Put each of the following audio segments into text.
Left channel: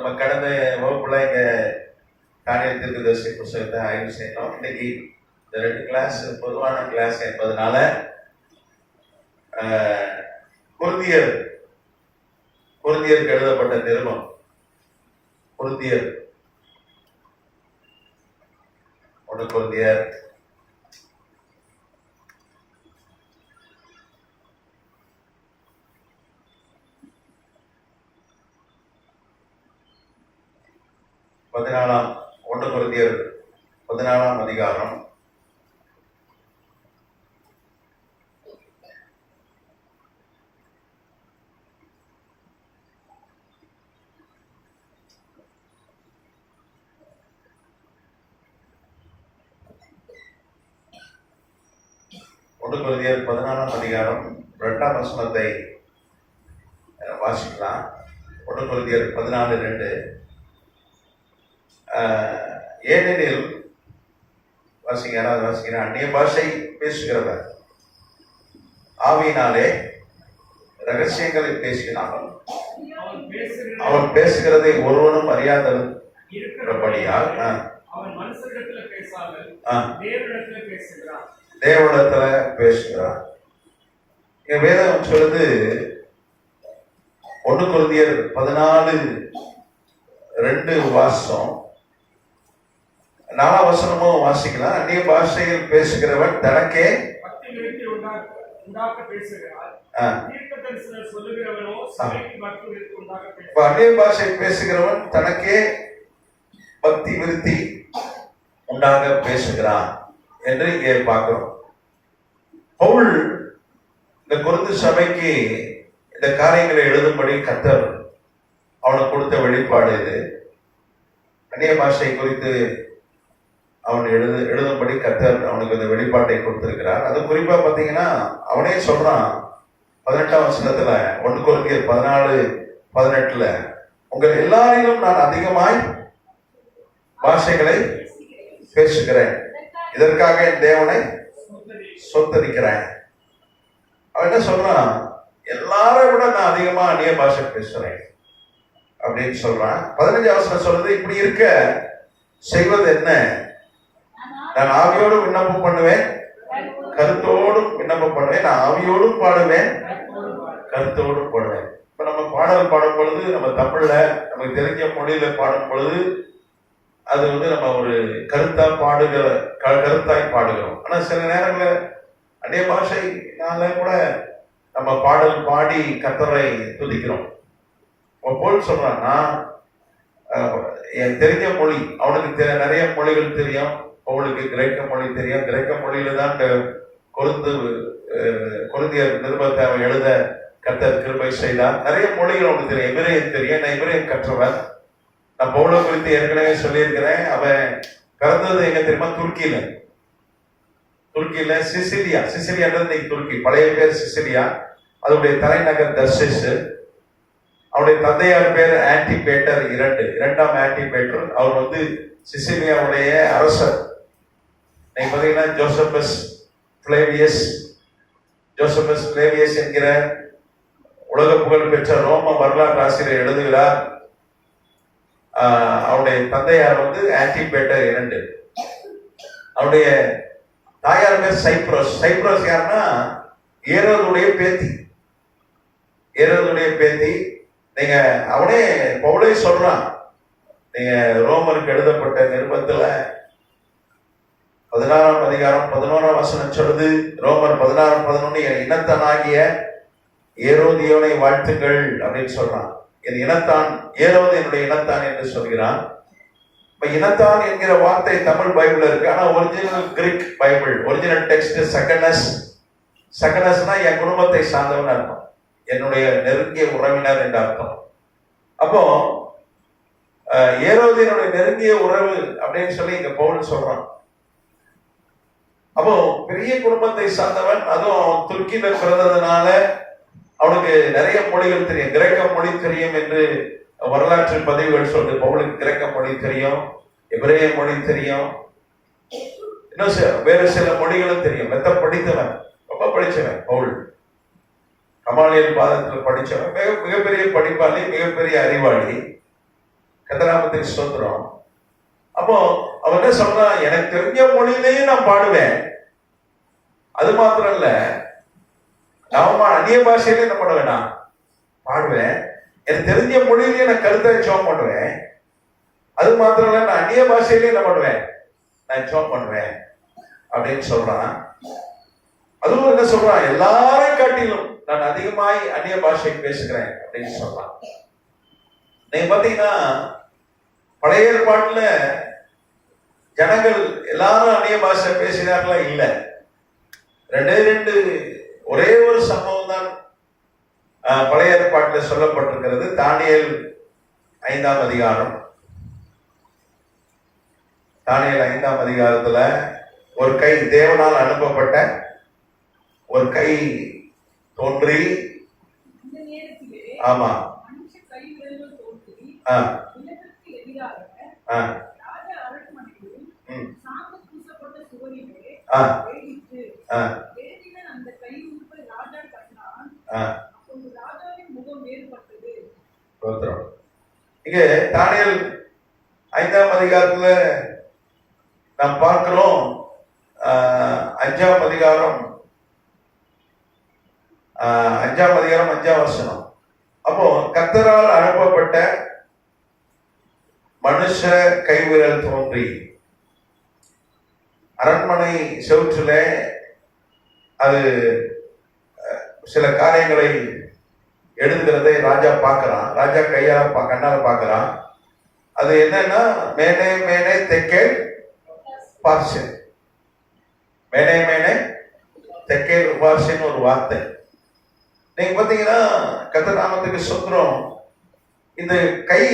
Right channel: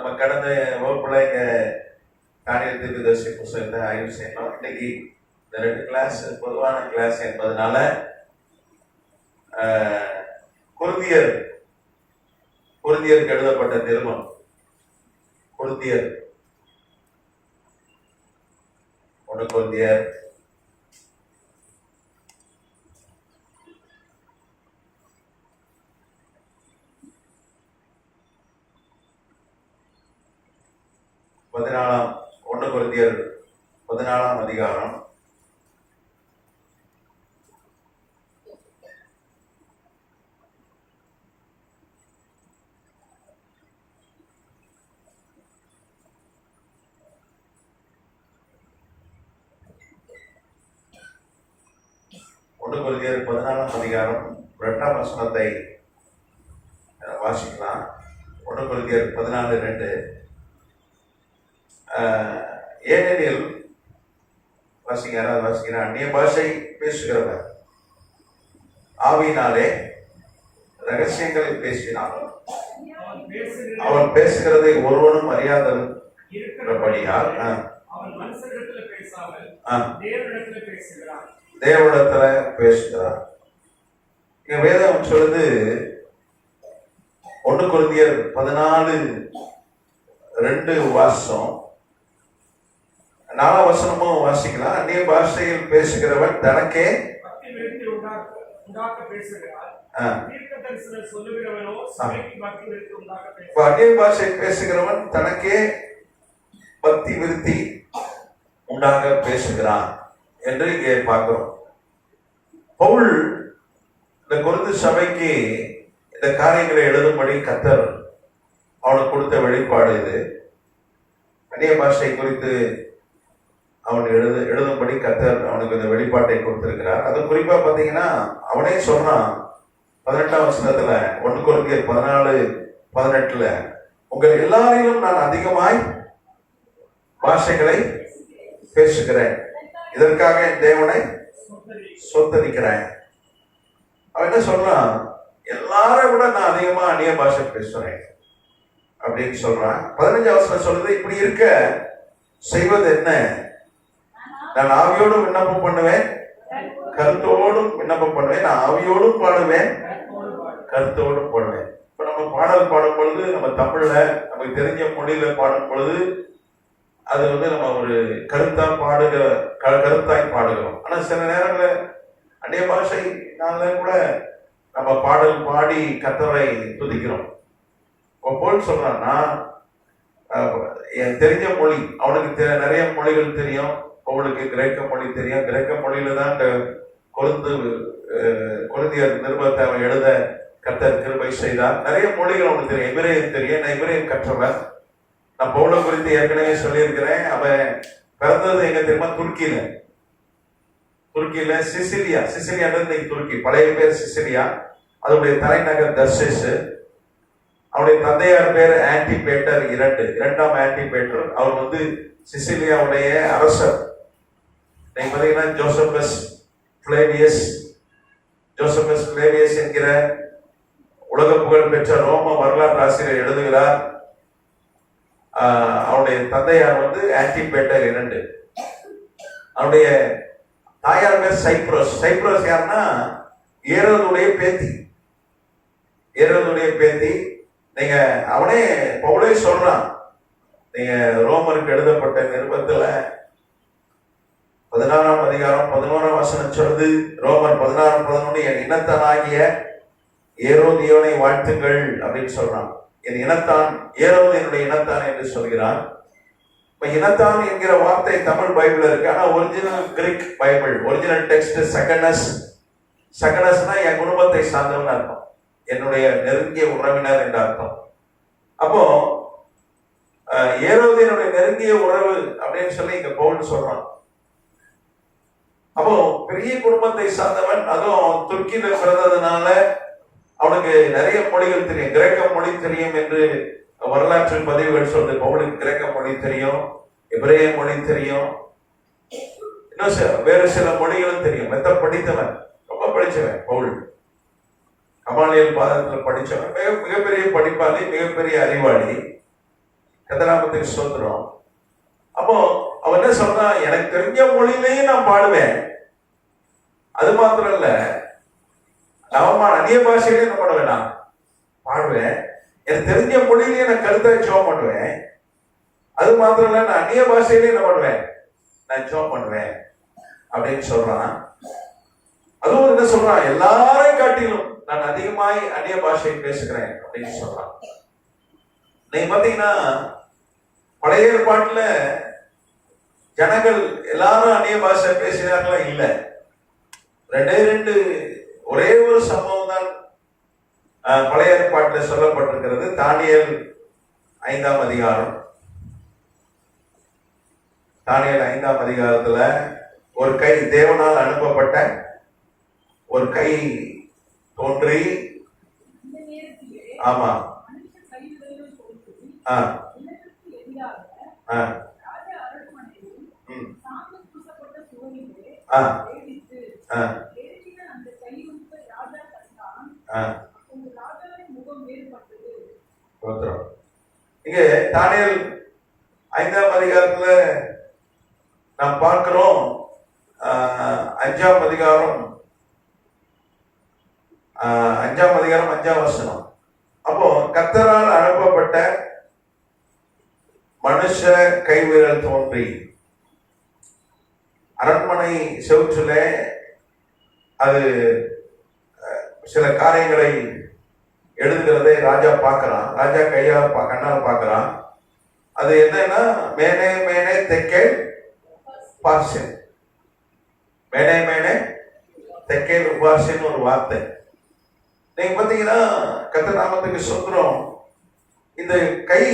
நம்ம கடந்த வகுப்புல இங்க தானியல் தீர்க்கதரிசி புத்தகத்தை ஆய்வு செய்யணும். இன்னைக்கு இந்த 2 கிளாஸ் பொதுவான கிளாஸ் என்பதனால கொரிந்தியருக்கு எழுதப்பட்ட நிருபம், கொரிந்தியர் 1 கொரிந்தியர் 1 கொரிந்தியர் 14 அதிகாரம் 1 கொரிந்தியர் 14 அதிகாரம் 2ஆம் வசனத்தை வாசிக்கலாம். 1 கொரிந்தியர் 14:2. ஏனெனில் வாசிக்கிற அந்நிய பாஷை பேசுகிறவர் ஆவியினாலே ரகசியங்களை பேசினாலும் அவன் பேசுகிறதை ஒருவனும் அறியாதபடியால் தேவனிடத்துல பேசுகிறான். வேதம் சொல்லுது 1 கொரிந்தியர் 14:2 வாசம் 4 வசனமும் வாசிக்கலாம். அந்நிய பாஷையில் பேசுகிறவன் தனக்கே அந்நிய பாஷை பேசுகிறவன் தனக்கே பக்தி விருத்தி உண்டாக பேசுகிறான் என்று இங்கே பார்க்கிறோம். பவுல் இந்த கொரிந்து சபைக்கு இந்த காரியங்களை எழுதும்படி கர்த்தர் அவனுக்கு கொடுத்த வெளிப்பாடு இது. அந்நிய பாஷை குறித்து அவன் எழுதும்படி கர்த்தர் அவனுக்கு இந்த வெளிப்பாட்டை கொடுத்திருக்கிறார். அது குறிப்பா பாத்தீங்கன்னா அவனே சொல்றான் 18ஆம் வசனத்துல 1 கொரிந்தியர் 14:18 உங்கள் எல்லாரையும் நான் அதிகமாய் பாஷைகளை பேசுகிறேன், இதற்காக என் தேவனை சொத்தரிக்கிறேன். அவன் என்ன சொல்றான்? எல்லாரை விட நான் அதிகமா அந்நிய பாஷை பேசுறேன் அப்படின்னு சொல்றான். 15ஆம் வசனம் சொல்றது, இப்படி இருக்க செய்வது என்ன? நான் ஆவியோடும் விண்ணப்பம் பண்ணுவேன், கருத்தோடும் விண்ணப்பம் பண்ணுவேன். நான் ஆவியோடும் பாடுவேன், கருத்தோடும் பாடுவேன். இப்ப நம்ம பாடல் பாடும் பொழுது, நம்ம தமிழ்ல நமக்கு தெரிஞ்ச மொழியில பாடும் பொழுது அது நம்ம ஒரு கருத்தாய் பாடுகிறோம். ஆனா சில நேரங்களில் அந்நிய பாஷைனால கூட நம்ம பாடல் பாடி கர்த்தரை துதிக்கிறோம். போல் சொல்றான்னா எனக்கு தெரிஞ்ச மொழி, அவனுக்கு நிறைய மொழிகள் தெரியும். அவளுக்கு கிரேக்க மொழி தெரியும். கிரேக்க மொழியில தான் இந்த கொரிந்தியர் நிருபத்தை அவன் எழுத கர்த்தர் கிருபை செய்தார். நிறைய மொழிகள் அவனுக்கு தெரியும். எபிரேயம் தெரியும். நான் எபிரேயம் கற்றவன். நான் பவுலை குறித்து ஏற்கனவே சொல்லியிருக்கிறேன். அவன் பிறந்தது எங்க தெரியுமா? துருக்கியில சிசிலியான்றது துருக்கி, பழைய பேர் சிசிலியா. அதனுடைய தலைநகர் தர்சிஸ். அவருடைய தந்தையார் பேர் ஆன்டிபேட்டர் இரண்டாம் ஆன்டிபேட்டர். அவர் சிசிலியாவுடைய அரசர். நீங்க பாத்தீங்கன்னா ஜோசபஸ் பிளேவியஸ் என்கிற உலக புகழ் பெற்ற ரோம வரலாற்று ஆசிரியர் எழுதுகிறார். அவருடைய தந்தையார் ஆன்டிபேட்டர் 2. அவருடைய தாயார் பேர் சைப்ரஸ் யாருன்னா ஏரோதுடைய பேத்தி. நீங்க அவனே பவுலே சொல்றான். நீங்க ரோமருக்கு எழுதப்பட்ட நிருபத்துல 16ஆம் அதிகாரம் 11ஆம் வசனம் சொல்லுது. ரோமர் 16:11 என் இனத்தானாகிய ஏரோதியோனை வாழ்த்துங்கள் அப்படின்னு சொல்றான். என் இனத்தான் ஏரோது என்னுடைய இனத்தான் என்று சொல்கிறான். இப்ப இனத்தான் என்கிற வார்த்தை தமிழ் பைபிள்ல இருக்கு. ஆனா original Greek bible original text சகனஸ்னா என் குடும்பத்தை சார்ந்தவன் அர்த்தம், என்னுடைய நெருங்கிய உறவினர் என்ற அர்த்தம். அப்போ ஏரோதினுடைய நெருங்கிய உறவு அப்படின்னு சொல்லி இங்க பவுல் சொல்றான். அப்போ பெரிய குடும்பத்தை சார்ந்தவன், அதுவும் துருக்கியில பிறந்ததுனால அவனுக்கு நிறைய மொழிகள் தெரியும். கிரேக்க மொழி தெரியும் என்று வரலாற்று பதிவுகள் சொல்றது. பவுலுக்கு கிரேக்க மொழி தெரியும், எபிரேய மொழி தெரியும், இன்னும் வேறு சில மொழிகளும் தெரியும். படித்தவன், ரொம்ப படிச்சவன் பவுல். கமாலியல் பாதத்தில் படிச்சவன், மிகப்பெரிய படிப்பாளி, மிகப்பெரிய அறிவாளி. கதிராமத்துக்கு ஸ்தோத்திரம். அப்போ அவன் என்ன சொல்றான், எனக்கு தெரிஞ்ச மொழியிலேயே நான் பாடுவேன், அது மாத்திரம் இல்ல அவன் அந்நிய பாஷையிலே என்ன பண்ண வேண்டாம் பாடுவேன், எனக்கு தெரிஞ்ச மொழியிலேயே நான் கருத்தை ஜெபம் பண்ணுவேன், அது மாத்திரம் இல்ல நான் அந்நிய பாஷையிலே என்ன பண்ணுவேன், நான் ஜெபம் பண்ணுவேன் அப்படின்னு சொல்றான். அதுவும் என்ன சொல்றான், எல்லாரையும் காட்டிலும் நான் அதிகமாய் அந்நிய பாஷை பேசுகிறேன் அப்படின்னு சொல்றான். நீங்க பாத்தீங்கன்னா பழைய ஏற்பாட்டுல ஜனங்கள் எல்லாரும் அந்நிய பாஷை பேசினார்களா? இல்ல. ரெண்டு ஒரே ஒரு சம்பவம் தான் பழைய ஏற்பாட்டில் சொல்லப்பட்டிருக்கிறது. தானியேல் 5ஆம் அதிகாரம். தானியேல் 5ஆம் அதிகாரத்துல ஒரு கை, தேவனால் அனுப்பப்பட்ட ஒரு கை தோன்றி, ஆமா இங்க தானியேல் 5ஆம் அதிகாரத்துல நாம் பார்க்கிறோம். 5ஆம் அதிகாரம் 5ஆம் வசனம். அப்போ கர்த்தரால் அனுப்பப்பட்ட மனுஷ கைவிரல் தோன்றி அரண்மனை செவுற்றில அது சில காரியங்களை எழுதுகிறதை ராஜா பார்க்கிறான். ராஜா கையால் கண்ணால் பார்க்கிறான். அது என்னன்னா மேனே மேனே தெக்கே பார்சன், மேனே மேனே தெக்கே உபார்சன் ஒரு வார்த்தை. நீங்க பாத்தீங்கன்னா கர்த்தர் நாமத்துக்கு ஸ்தோத்திரம். இந்த கை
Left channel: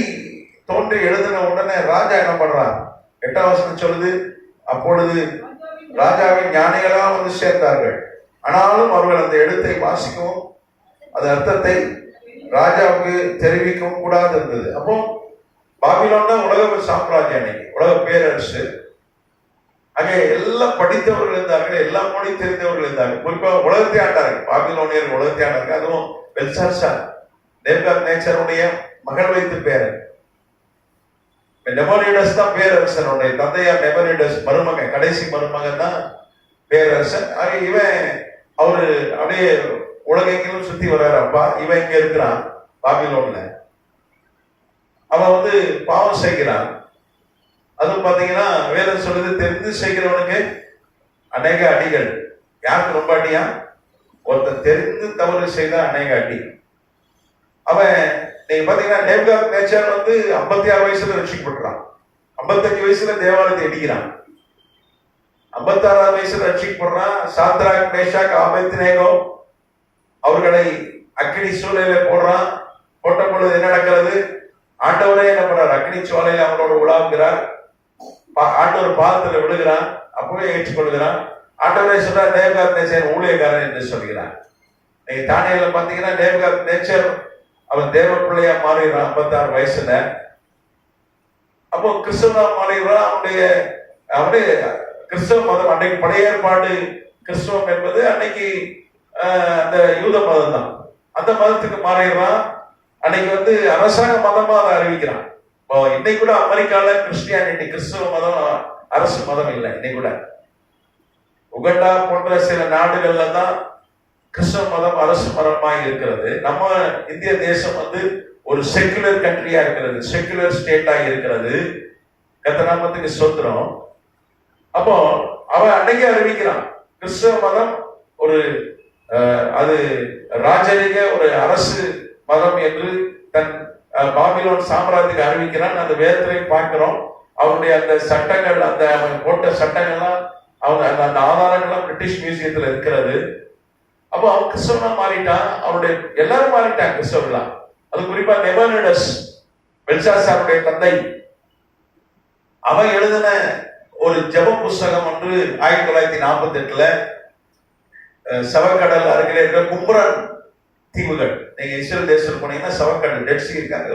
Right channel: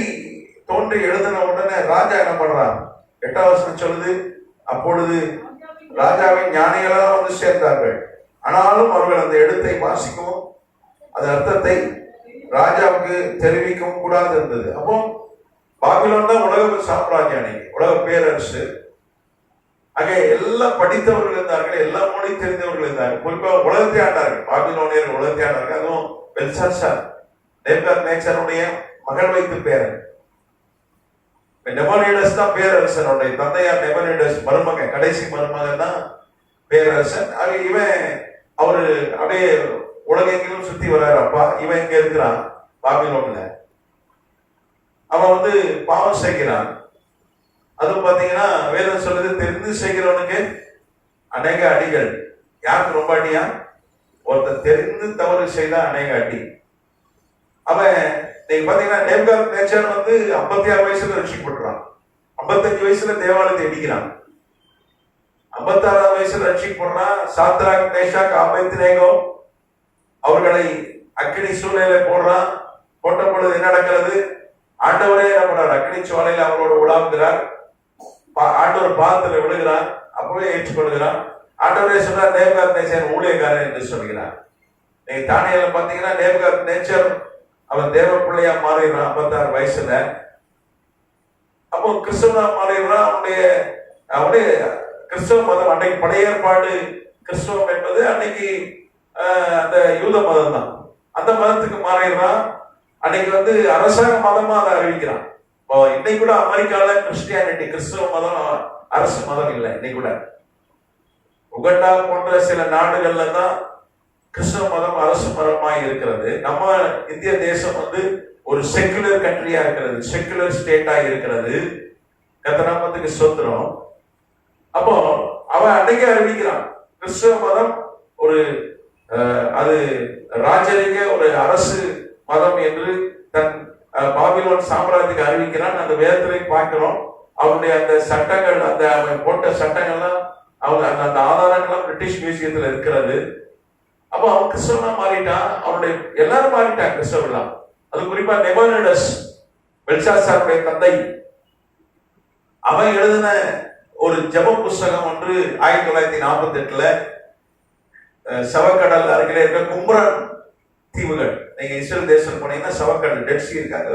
தோன்றி எழுதின உடனே ராஜா என்ன பண்றான்? 8ஆம் வசனம் சொல்லுது, அப்பொழுது ராஜாவின் ஞானிகளாக வந்து சேர்ந்தார்கள். ஆனாலும் அவர்கள் அந்த எழுத்தை வாசிக்கவும் அது அர்த்தத்தை ராஜாவுக்கு தெரிவிக்கவும் கூடாது இருந்தது. அப்போ பாபிலோன் தான் உலக சாம்ராஜ்யம், உலக பேரரசு. அங்கே எல்லாம் படித்தவர்கள் இருந்தார்கள், எல்லா மொழி தெரிந்தவர்கள் இருந்தார்கள். குறிப்பாக உலகத்தை ஆண்டார்கள், பாபிலோனியர் உலகத்தை ஆண்டார்கள். அதுவும் பெல்சாத்சார் நேபுகாத்நேச்சருடைய மகள் வைத்து பேரன். நெபுகாத்நேச்சர் தான் பேரரசனுடைய தந்தையார். நெபுகாத்நேச்சர் மருமகன், கடைசி மருமகன் தான் பேரரசன். இவன் அவரு அப்படியே உலகெங்கிலும் சுத்தி வர்றாரு. அப்பா இவன் இங்க இருக்கிறான் பாபிலோன்ல. அவன் வந்து பாவம் செய்கிறான். அது பாத்தீங்கன்னா வேதம் சொல்லுது, தெரிந்து செய்கிறவனுக்கு அநேக அடிகள். யாருக்கு ரொம்ப அடியா? ஒருத்தர் தெரிந்து தவறு செய்தா அநேக அடி. அவன் நீங்க பாத்தீங்கன்னா நேபுகாத்நேச்சர் வந்து 56 வயசுல ரட்சிக்கப்படுறான். 55 வயசுல தேவாலயத்தை இடிக்கிறான். 56 வயசுல ரட்சிக்கப்படுறான். சாத்ராக், மேஷாக், ஆபேத்நேகோ அவர்களை அக்கினி சூழலை போடுறான். போட்ட பொழுது என்ன நடக்கிறது? ஆண்டவரே என்ன பண்றார்? அக்கினி சூழலையில் அவங்களோட உலாவுகிறார். ஆண்டவர் பாதத்துல விழுகிறான். அப்பவே ஏற்றுக்கொள்கிறான். ஆண்டவரே சொல்றார், நேபுகாத்நேச்சர் ஊழியக்காரன் என்று சொல்கிறார். நீங்க தானியேல பாத்தீங்கன்னா நேபுகாத்நேச்சர் அவன் தேவ பிள்ளையா மாறிடுறான் 56 வயசுல. அப்போ கிறிஸ்தவனா மாறிடுறான். அவனுடைய கிறிஸ்தவ மதம், அன்னைக்கு பழைய ஏற்பாடு கிறிஸ்தவம் என்பது அன்னைக்கு அந்த யூத மதம் தான். அந்த மதத்துக்கு மாறிடுறான். அன்னைக்கு வந்து அரசாங்க மதமா அதை அறிவிக்கிறான். இன்னைக்கு கூட அமெரிக்கால கிறிஸ்டியானிட்டி, கிறிஸ்தவ மதம் அரசு மதம் இல்லை. இன்னைக்கு கூட உகண்டா போன்ற சில நாடுகள்ல தான் கிறிஸ்தவ மதம் அரசு மதமாய் இருக்கிறது. நம்ம இந்திய தேசம் வந்து ஒரு செக்குலர் கண்ட்ரியா இருக்கிறது, செக்குலர் ஸ்டேட்டா இருக்கிறது. கர்த்தர் நாமத்துக்கு ஸ்தோத்திரம். அப்போ அவன் அன்னைக்கு அறிவிக்கிறான், கிறிஸ்தவ மதம் ஒரு அது ராஜரிக ஒரு அரசு மதம் என்று தன் பாபிலோன் சாம்ராஜ்யத்தை அறிவிக்கிறான். அந்த வேதத்திலே பார்க்கிறோம். அவனுடைய அந்த சட்டங்கள், அந்த அவன் போட்ட சட்டங்கள்லாம், அவங்க அந்த ஆதாரங்கள்லாம் பிரிட்டிஷ் மியூசியத்தில் இருக்கிறது. அப்போ அவன் கிறிஸ்தவனா மாறிட்டான். அவனுடைய எல்லாரும் மாறிட்டான் கிறிஸ்தவர்களாம். அது குறிப்பா நெபுகாத்நேச்சர், பெல்சாத்சாருடைய தந்தை, அவன் எழுதின ஒரு ஜெப புஸ்தகம் ஒன்று 1948 சவக்கடல் அருகிலே இருக்கிற கும்ரான் தீவுகள். நீங்க இஸ்ரேல் தேசம் போனீங்கன்னா சவக்கடல், டெட் சி இருக்காங்க.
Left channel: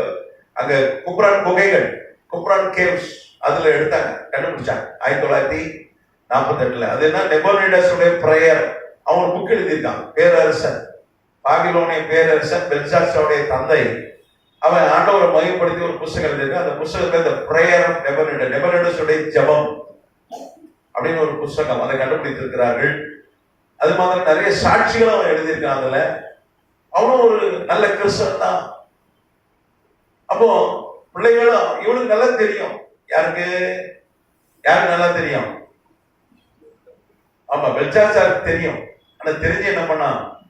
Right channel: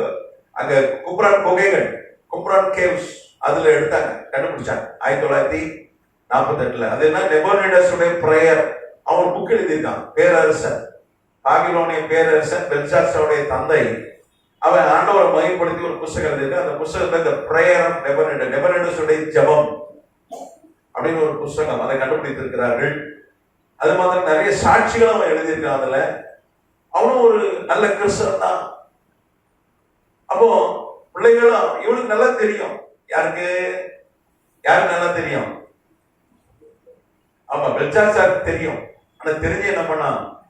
அங்க கும்ரான் குகைகள், கும்ரான் கேவ்ஸ், அதுல எடுத்தாங்க, கண்டுபிடிச்சாங்க 1948. அது என்ன? நெபுகாத்நேச்சருடைய பிரேயர். அவன் புக் எழுதியிருக்கான். பேரரசன், பாபிலோனிய பேரரசன் பெல்சாத்சாருடைய தந்தை அவன் ஆண்டவரை மையப்படுத்தி ஒரு புஸ்தகம் எழுதியிருக்கு. அந்த புஸ்தகத்துல இந்த பிரேயர் ஆஃப் நெபர்னடுடைய ஜெபம் அப்படின்னு ஒரு புஸ்தகம் அதை கண்டுபிடித்திருக்கிறார்கள். அது மாதிரி நிறைய சாட்சிகளும் அவன் எழுதியிருக்கான். அதுல அவனும் ஒரு நல்ல கிறிஸ்தவன் தான். அப்போ பிள்ளைகளும் இவனுக்கு நல்லா தெரியும். யாருக்கு நல்லா தெரியும்? ஆமா, பெல்சாத்சாருக்கு தெரியும். ஆனா தெரிஞ்சு என்ன பண்ணா,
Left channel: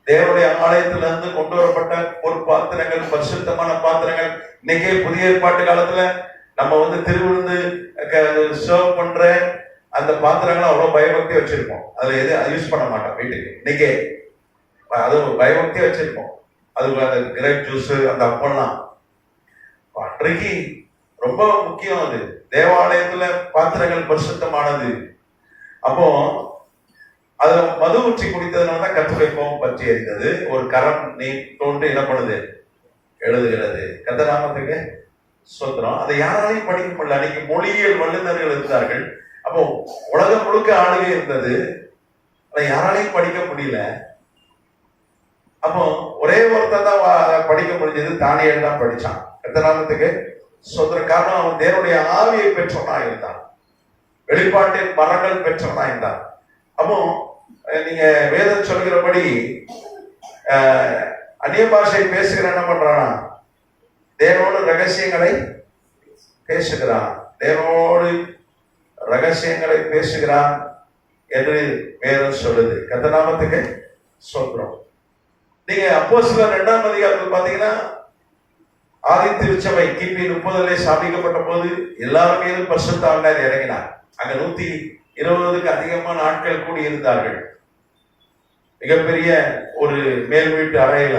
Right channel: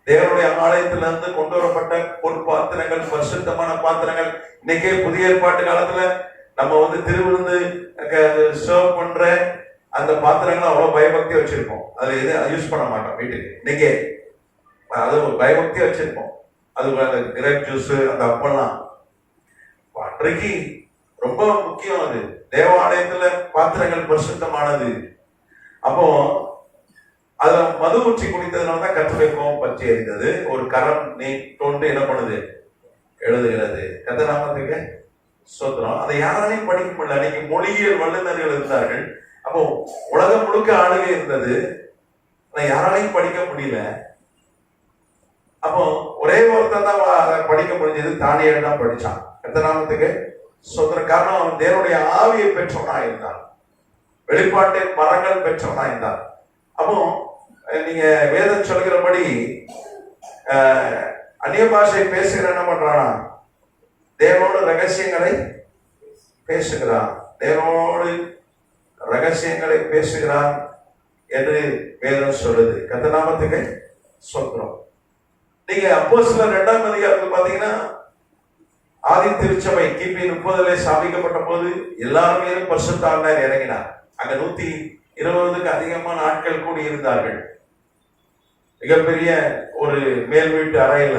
தேவனுடைய ஆலயத்துல இருந்து கொண்டு வரப்பட்ட ஒரு பாத்திரங்கள், பரிசுத்தமான பாத்திரங்கள். இன்னைக்கே புதிய ஏற்பாட்டு காலத்துல நம்ம திருவிருந்து சர்வ் பண்ற அந்த பாத்திரங்களை அவ்வளவு பயபக்தி வச்சிருக்கோம். அதுல எதுவும் யூஸ் பண்ண மாட்டோம் வீட்டுக்கு. இன்னைக்கே அது பயபக்தி வச்சிருக்கோம். அது கிரேப் ஜூஸ், அந்த அப்பெல்லாம் அன்றைக்கு ரொம்ப முக்கியம். அது தேவாலயத்துல பாத்திரங்கள் பரிசுத்தமானது. அப்போ அது மது ஊற்றி குடித்ததுனாலதான் கர்த்தருடைய கோபம் பற்றி எரிந்தது. ஒரு கரம் நீ தோன்று என்ன பண்ணுது, எழுதுகிறது. கர்த்தராமத்துக்கு ஸ்தோத்திரம். அதை யாராலையும் படிக்க முடியல. அன்னைக்கு மொழியியல் வல்லுநர்கள் இருந்தார்கள். அப்போ உலகம் முழுக்க ஆளுகை இருந்தது. அதை யாராலையும் படிக்க முடியல. அப்போ ஒரே ஒருத்தர் தான் படிக்க முடிஞ்சது. தானியேல் தான் படிச்சான். கர்த்தராமத்துக்கு ஸ்தோத்திரம். காரணம், அவன் தேவனுடைய ஆவியை பெற்றவனா இருந்தான். வெளிப்பாட்டின் மரங்கள் பெற்றவனா இருந்தான். அப்போ நீங்க வேதம் சொல்கிறபடி அந்நிய பாஷை பேசுகிற என்ன பண்றான்? தேவனோடு ரகசியங்களை பேசுகிறான். தேவனோடு ரகசியங்களை பேசுகிறான் என்று வேதம் சொல்லுது. கர்த்தநாமத்துக்கு சொல்றோம். நீங்க அப்போஸ்தலர் 2ஆம் அதிகாரத்தில் பாத்தீங்கன்னா, ஆதி திருச்சபை கிபி 30 ஸ்தாபிக்கப்பட்ட போது எல்லாரும் மீதும் பரிசுத்த ஆவியானவர் இறங்கினார். அங்க 120க்கு அதிகமான ஆட்கள் கூடி இருந்தார்கள். மிகப்பெரிய ஒரு மேல் வீட்டு அறையில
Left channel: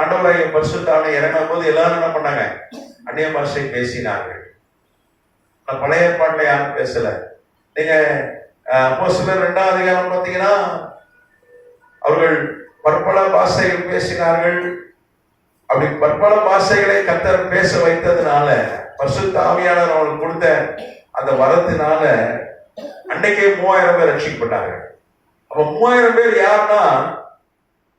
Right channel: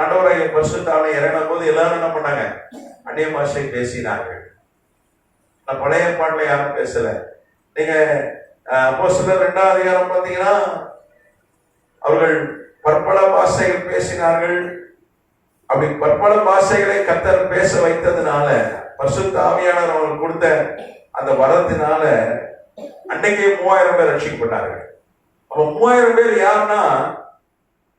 ஆண்டவராகிய பரிசுத்த ஆவியானவர் இறங்கின போது எல்லாரும் என்ன பண்ணாங்க? அந்நிய பாஷை பேசினார்கள். பழைய ஏற்பாட்டுல யாரும் பேசல. நீங்க அப்போஸ்தலர் 2ஆம் அதிகாரம் பாத்தீங்கன்னா, அவர்கள் பற்பல பாஷைகள் பேசினார்கள். அப்படி பற்பல பாஷைகளை கர்த்தர் பேச வைத்ததுனால, பரிசுத்த ஆவியானவர் அவர்களுக்கு கொடுத்த அந்த வரத்தினால அன்னைக்கே 3000 பேர் ரட்சிக்கப்பட்டார்கள். அப்ப 3000 பேர் யாருன்னா,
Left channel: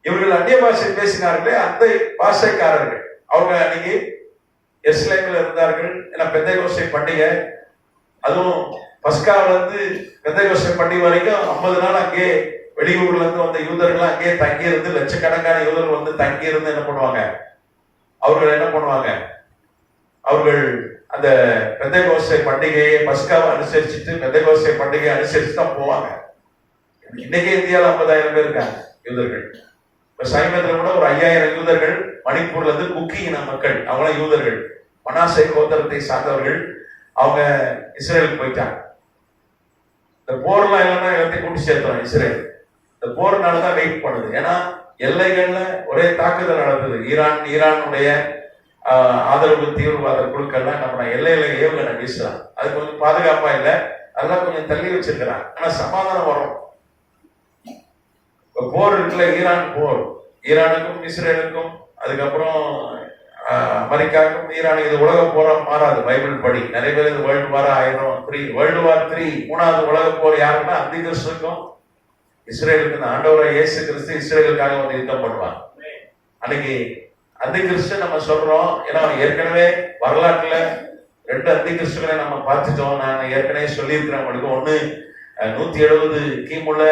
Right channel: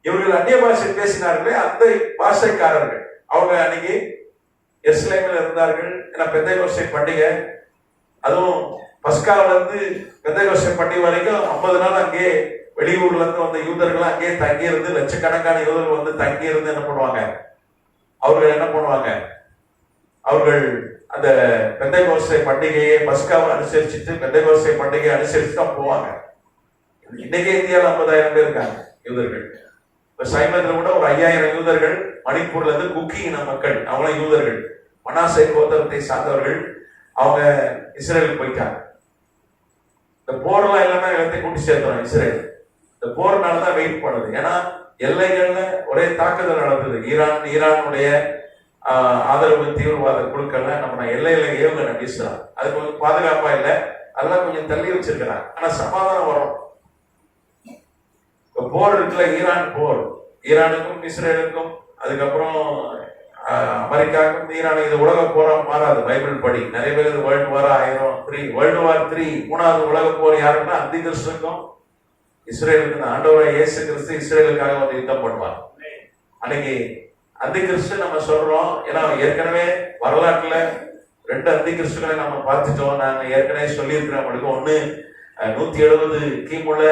இவர்கள் அந்நிய பாஷை பேசினார்களே அந்த பாஷைக்காரர்கள். அவங்க அன்னைக்கு எருசலேமில் இருந்தார்கள். ஏன்னா பெந்தைக்கோஸ்தே பண்டிகை, அதுவும் பஸ்காவில இருந்து பெந்தைக்கோஸ்தே பண்டிகை வரைக்கும் 50 நாள் அங்கே வெளியூர்ல இருந்து வந்த யூதர்கள் அங்கேயே தங்கி இருந்து, லட்சக்கணக்கான யூதர்கள் தங்கி இருந்து என்ன பண்ணுவாங்க? அவர்கள் அந்த பெந்தைக்கோஸ்தே பண்டிகையை, பஸ்காவை அனுசரிச்சுட்டு பெந்தைக்கோஸ்தே பண்டிகையை அனுசரிச்சு தான் போவாங்க. இன்னைக்கே இந்தியாவில் 50,000 பேர் இருக்காங்க யூதர்கள். இப்ப சைமத்துல கூட ஒரு 5000 யூதர்கள். மணிப்பூர்ல இருந்து குக்கி இன மக்கள், அவங்களும் யூதர்கள், மனாசே கோத்திரத்தை சார்ந்தவர்கள். அவங்க இஸ்ரேலுக்கு போயிட்டாங்க. இந்த போர்லாம் இல்லைன்னா எல்லாத்தையும் கூட்டி சேர்த்தோம் இஸ்ரேல். இந்த போர்னாலதான் வெயிட் பண்ணுது. ஏன்னா எல்லைகள்ல ஒரே தாக்குதல் நடந்தது. ஈரானுடைய ஆதரவு தீவிரவாத குழுக்கள்லாம் நம்ம எல்லையில ஏவுகணை வீசுறாங்க. அது கொஞ்சம் பாதுகாப்பா இல்லை, அதெல்லாம் கொஞ்சம் தள்ளி வச்சிருக்கிறாங்க. ஆனா சமாதானம் வரும். போர் இருக்குல்ல, ஈரான் போர், ஈரானுக்கும் இஸ்ரேலுக்கும், அதுக்கப்புறம் அமெரிக்காவுக்கும் ஈரானுக்கு, இது உலக போரா மாறாது. பைபிள் படி நிறைய பேர் இது வேர்ல்டு வார் 3 மூணாவது உலக போர் யாருன்னா அந்தி கிறிஸ்துக்கும் இஸ்ரேலுக்கு தான். ஆண்டவரை இயேசு கிறிஸ்து இஸ்ரேலுக்காக வந்து யுத்தம் பண்ணுவாங்க. அன்னைக்கு அந்தி கிறிஸ்து நம்ம சொல்றோம். ஏன்னா ஏற்கனவே வரலாற்றுல 2 அந்தி கிறிஸ்துகளை நம்ம பார்த்துட்டோம். நான் ஏற்கனவே சொல்லியிருக்கிறேன். ஒண்ணு 170 கிமுல